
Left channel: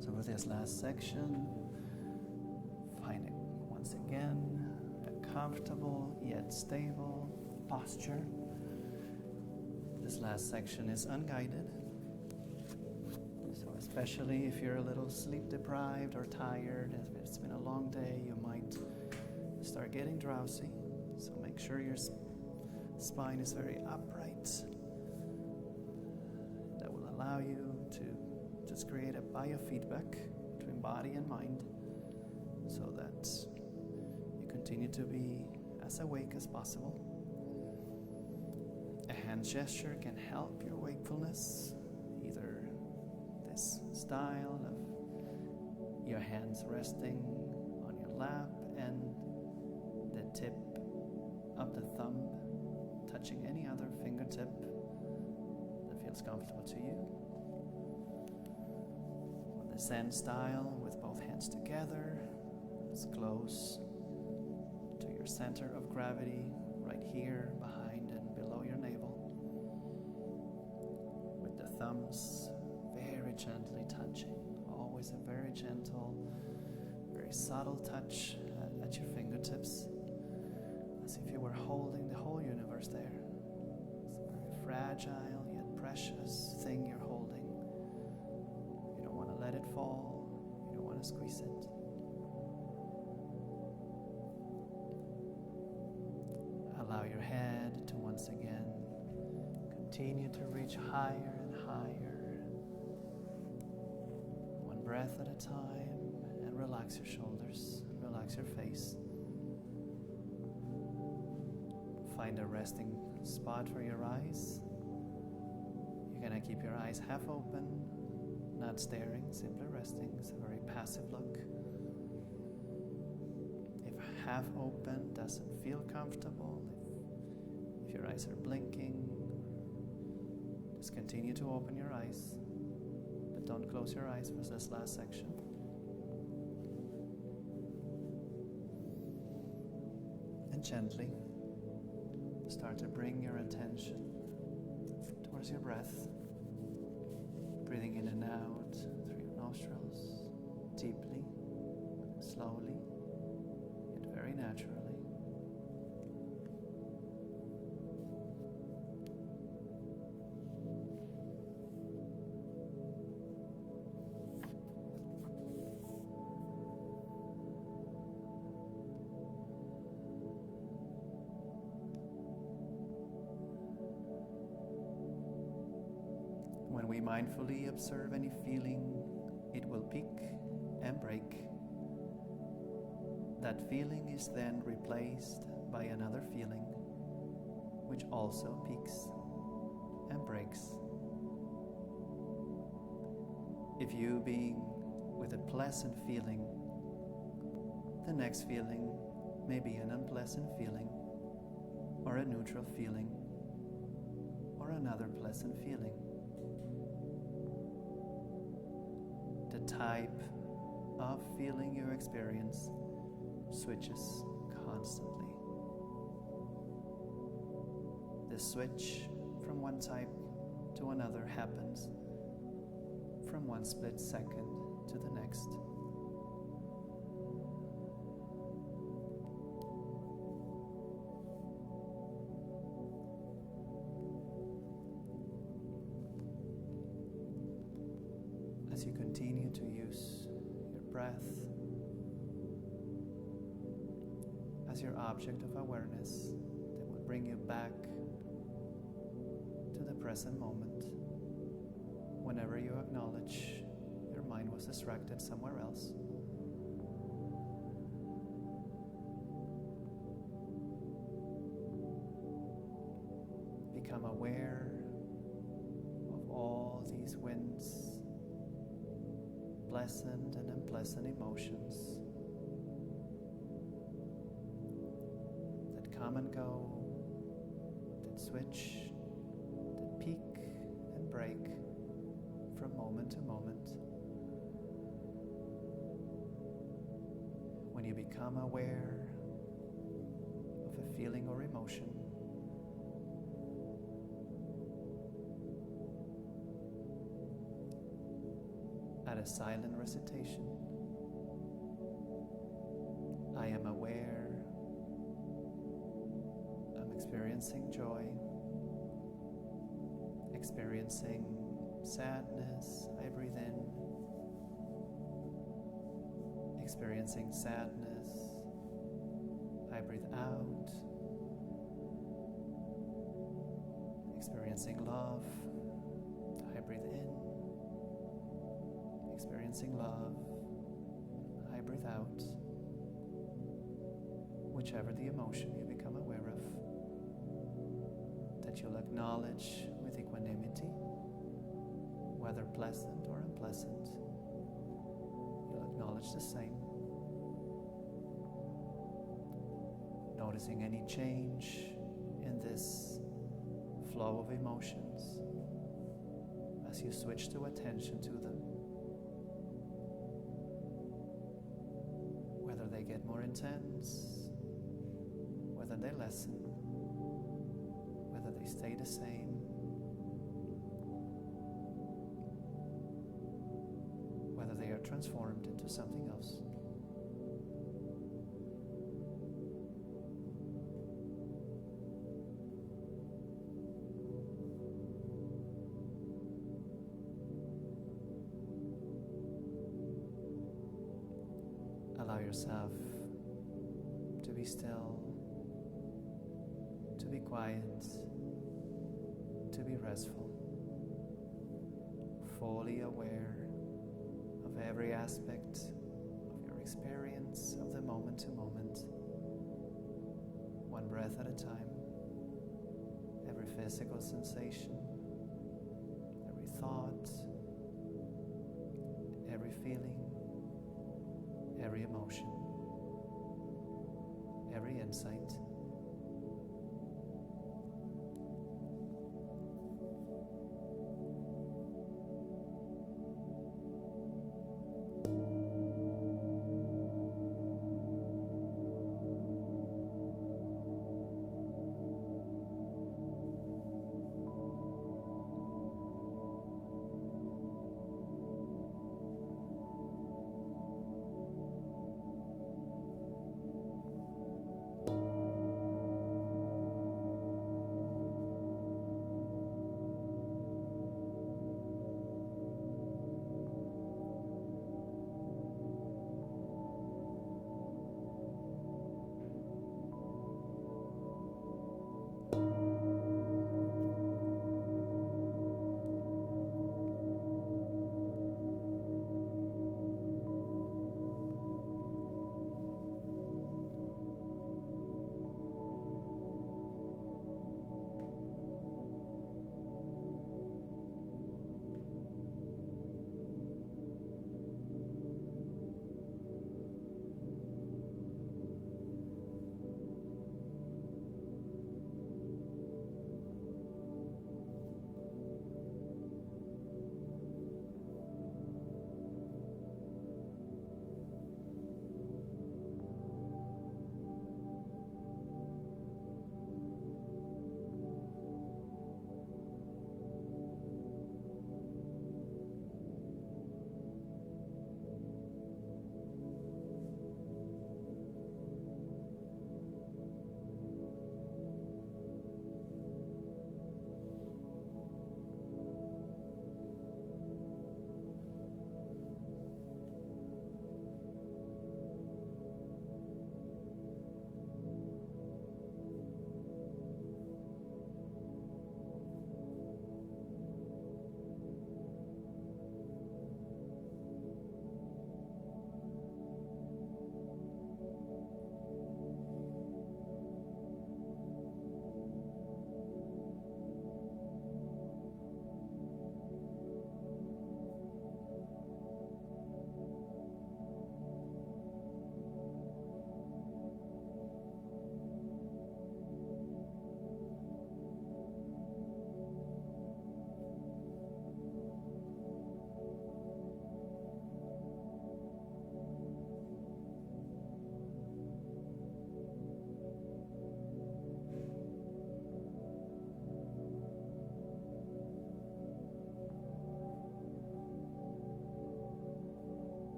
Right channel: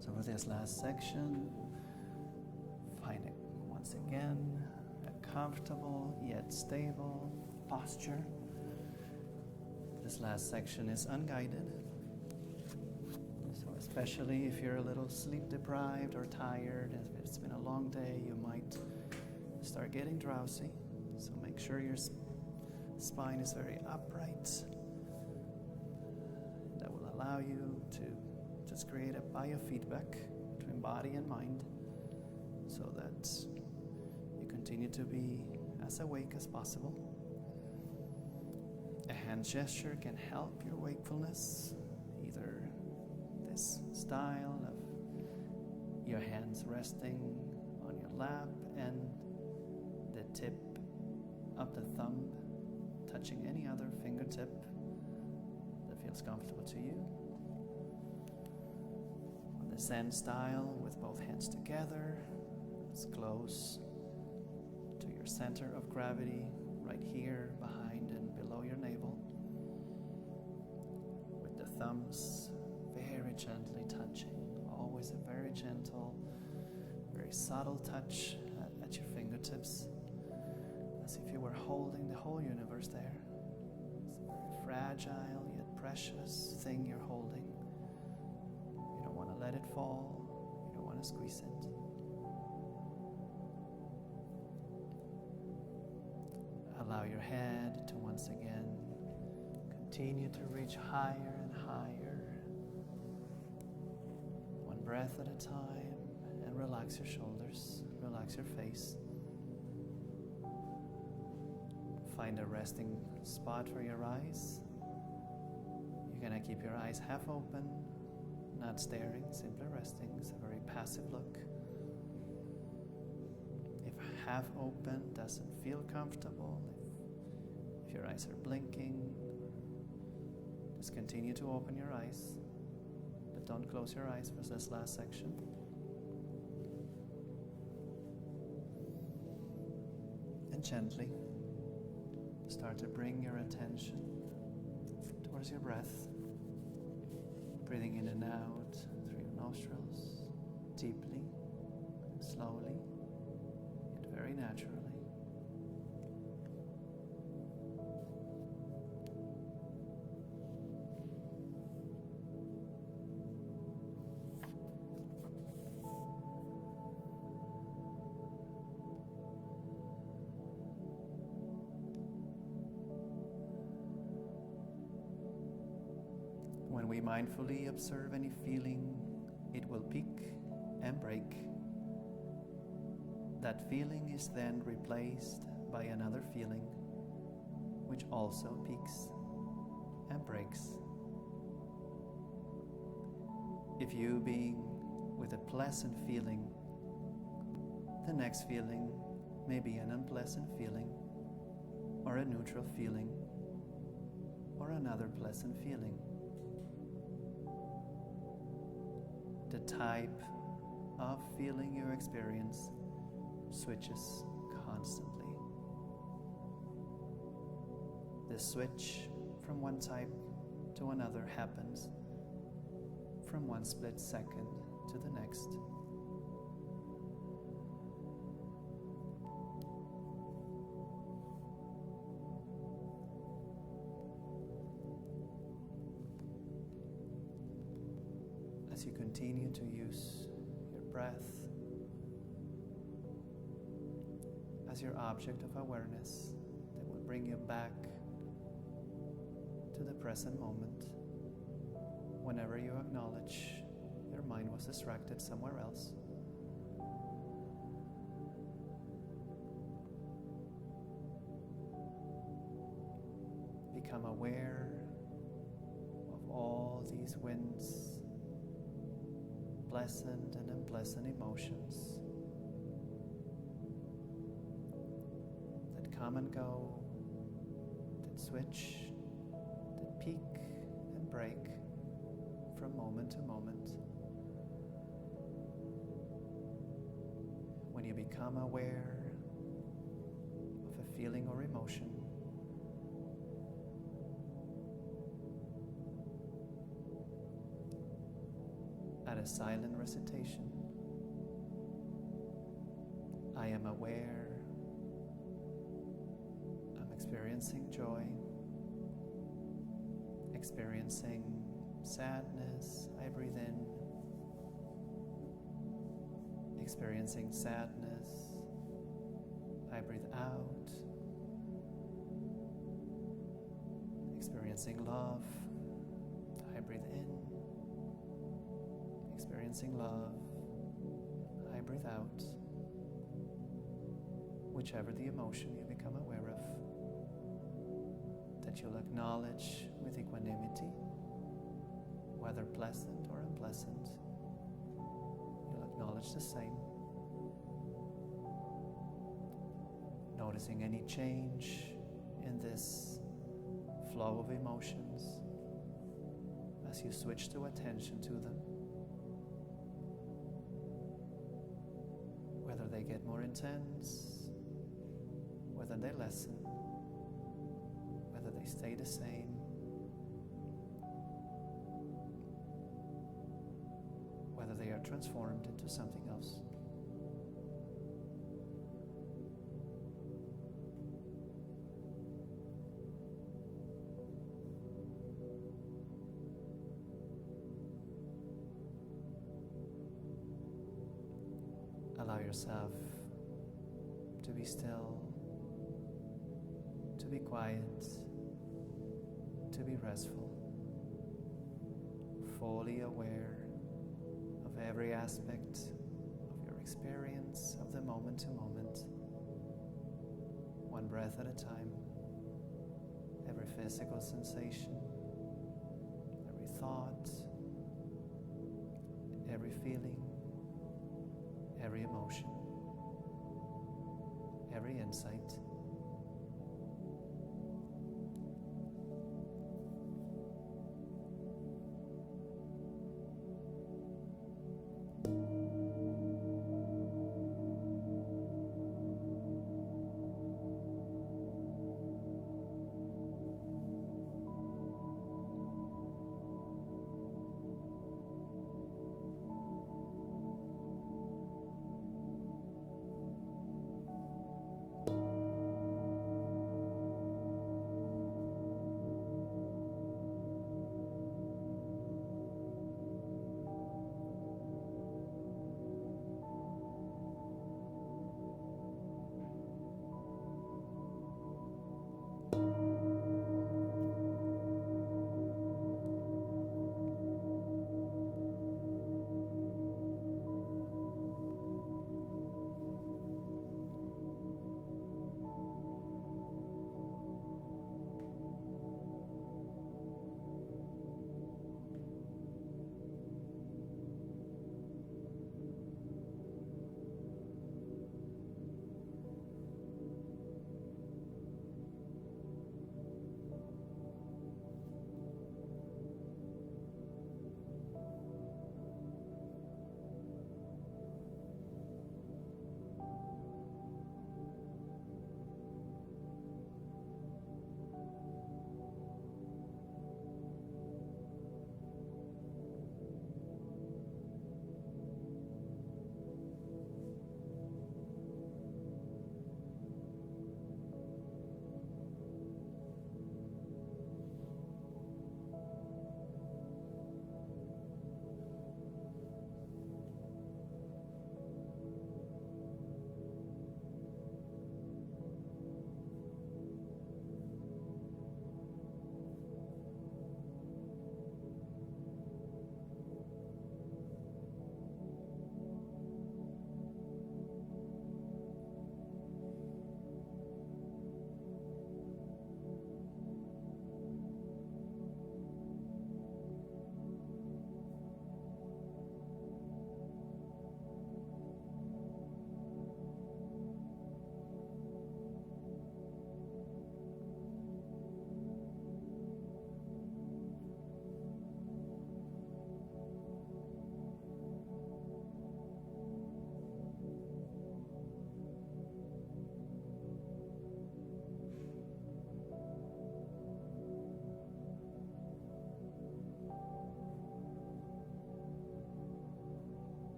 So for this last section, find it once again a comfortable yet stable posture. This last section is unguided, so especially if you're a little sleep deprived or tired, if it's been a long day, you might start getting drowsy. So make sure your spine is very upright. That will allow you to just create a biofeedback between body and mind so that you continue to be as awake as possible. A hand gesture can help your wakefulness, either this style of your hands resting on your lap and the tip of the thumb touching any other fingertip that feels comfortable to you. The Zen style with both hands together, as close to your center of gravity, right here behind and below your navel, with the thumbs very gently touching, always a very gentle, very subtle touch at your fingertips, as if you were holding the whole universe there. fragile yet precious thing you're holding. You don't want to let it fall. You don't want to squeeze it. Allow your head to once again continue to reach higher and higher, one breath at a time, and relax your shoulders, relax your face. Find a resting spot for your eyes. You're going to keep your eyes half open, not staring, simply resting. It's a very passive look. If half open doesn't feel comfortable, if your eyes are blinking, just continue to open your eyes, but don't close your eyes for this last section. And gently start to bring your attention towards your breath, breathing in and out through your nostrils, deeply, slowly, yet very naturally. When we mindfully observe any feeling, it will peak and break. That feeling is then replaced by another feeling, which also peaks and breaks. If you being with a pleasant feeling, the next feeling may be an unpleasant feeling, or a neutral feeling, or another pleasant feeling. The type of feeling you experience switches constantly. The switch from one type to another happens from one split second to the next. As you continue to use your breath as your object of awareness that will bring you back to the present moment, whenever you acknowledge your mind was distracted somewhere else, become aware of all these winds, pleasant and unpleasant emotions that come and go, that switch, that peak and break from moment to moment. When you become aware of a feeling or emotion, add a silent recitation. I am aware. I'm experiencing joy, experiencing sadness. I breathe in. Experiencing sadness. I breathe out. Experiencing love. I breathe in. Experiencing love, I breathe out. Whichever the emotion you become aware of, that you'll acknowledge with equanimity, whether pleasant or unpleasant, you'll acknowledge the same. Noticing any change in this flow of emotions as you switch to attention to them. Whether they get more intense, whether they lessen, whether they stay the same, whether they are transformed into something else. Allow yourself to be still, to be quiet, to be restful, fully aware of every aspect of your experience of the moment to moment, one breath at a time, every physical sensation, every thought, every feeling, every emotion, every insight.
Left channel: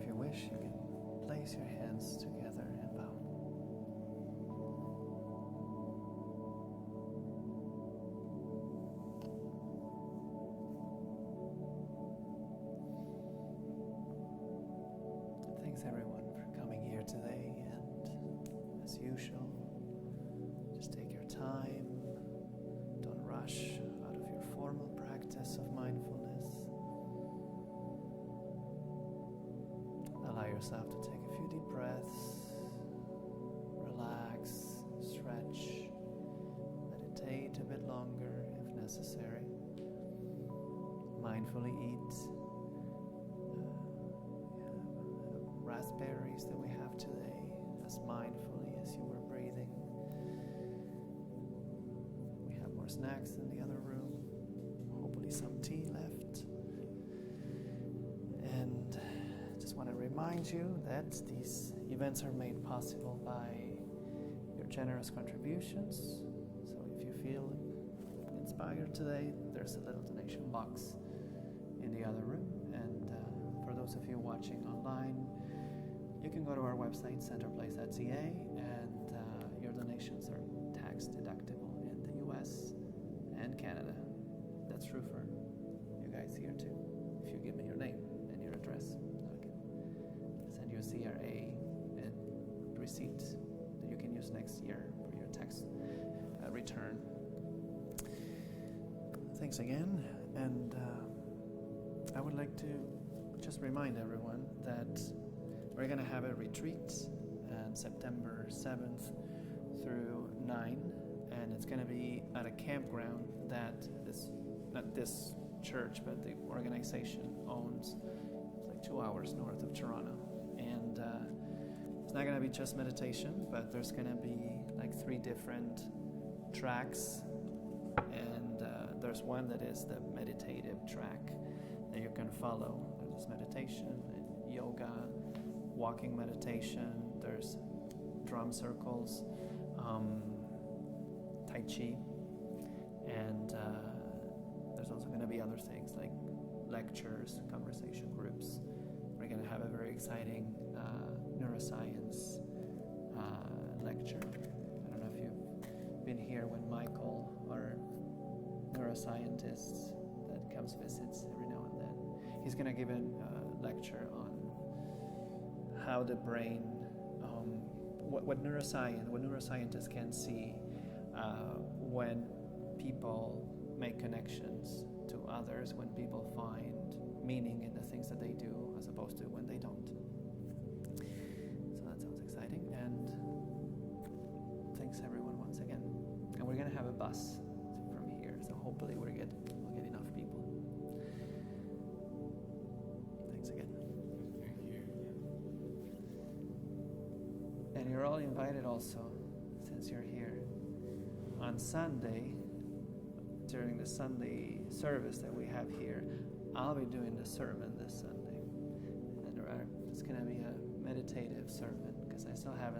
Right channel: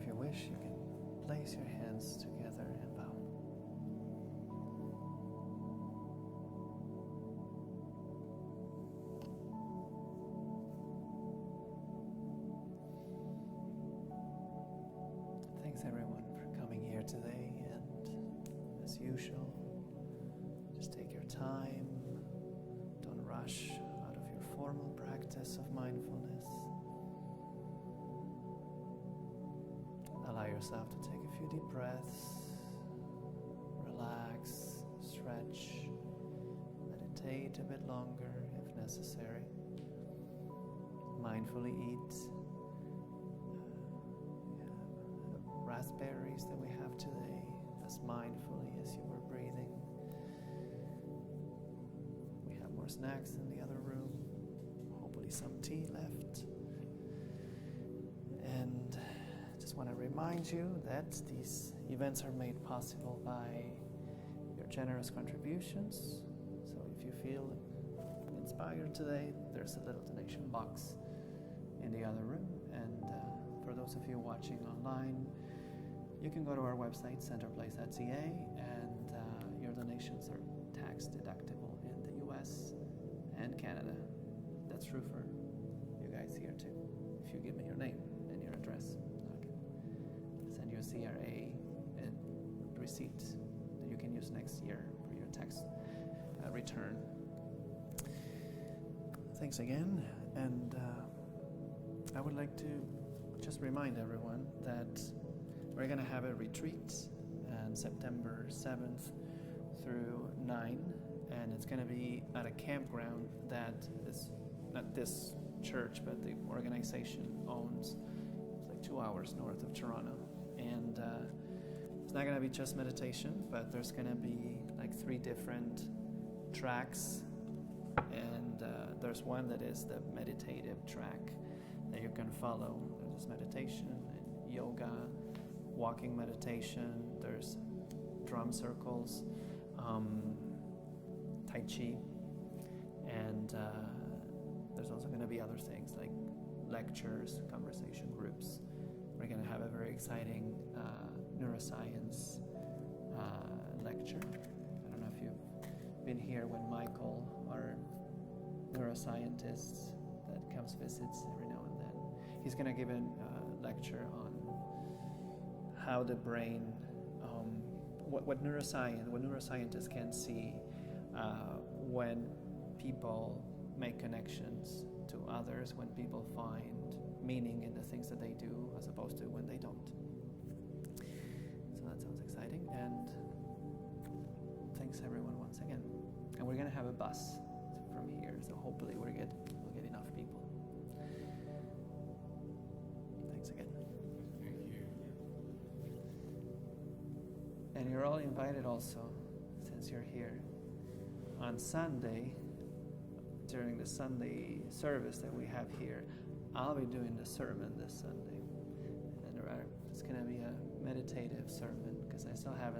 if you wish, you can place your hands together and bow. Thanks everyone for coming here today, and as usual, just take your time, don't rush out of your formal practice of mindfulness. Allow yourself to take a few deep breaths, relax, stretch, meditate a bit longer if necessary. Mindfully eat raspberries that we have today as mindfully as you were breathing. We have more snacks in the other room, hopefully some tea left. And just want to remind you that these events are made possible by your generous contributions. So if you feel inspired today, there's a little donation box in the other room. And for those of you watching online, you can go to our website, centerplace.ca, and your donations are tax deductible in the US and Canada. That's true for you guys here too. If you give me your name and your address, I can send you a CRA and receipt that you can use next year for your tax return. Thanks again, and I would like to just remind everyone that we're going to have a retreat on September 7th through 9, and it's going to be at a campground that is not this church, but the organization owns. It's like 2 hours north of Toronto. And it's not going to be just meditation, but there's going to be like 3 different tracks. And there's one that is the meditative track that you can follow. There's meditation and yoga, walking meditation, there's drum circles, Tai Chi, and there's also going to be other things like lectures, conversation groups. We're going to have a very exciting neuroscience lecture. I don't know if you've been here when Michael, our neuroscientist that comes visits every now and then, he's going to give a lecture on how the brain, what neuroscientists can see when people make connections to others, when people find meaning in the things that they do as opposed to when they don't. So that sounds exciting, and thanks everyone once again. And we're going to have a bus from here, so hopefully we'll get enough people. Thanks again. And you're all invited also, since you're here. On Sunday, during the Sunday service that we have here, I'll be doing the sermon this Sunday. And it's going to be a meditative sermon, because I still haven't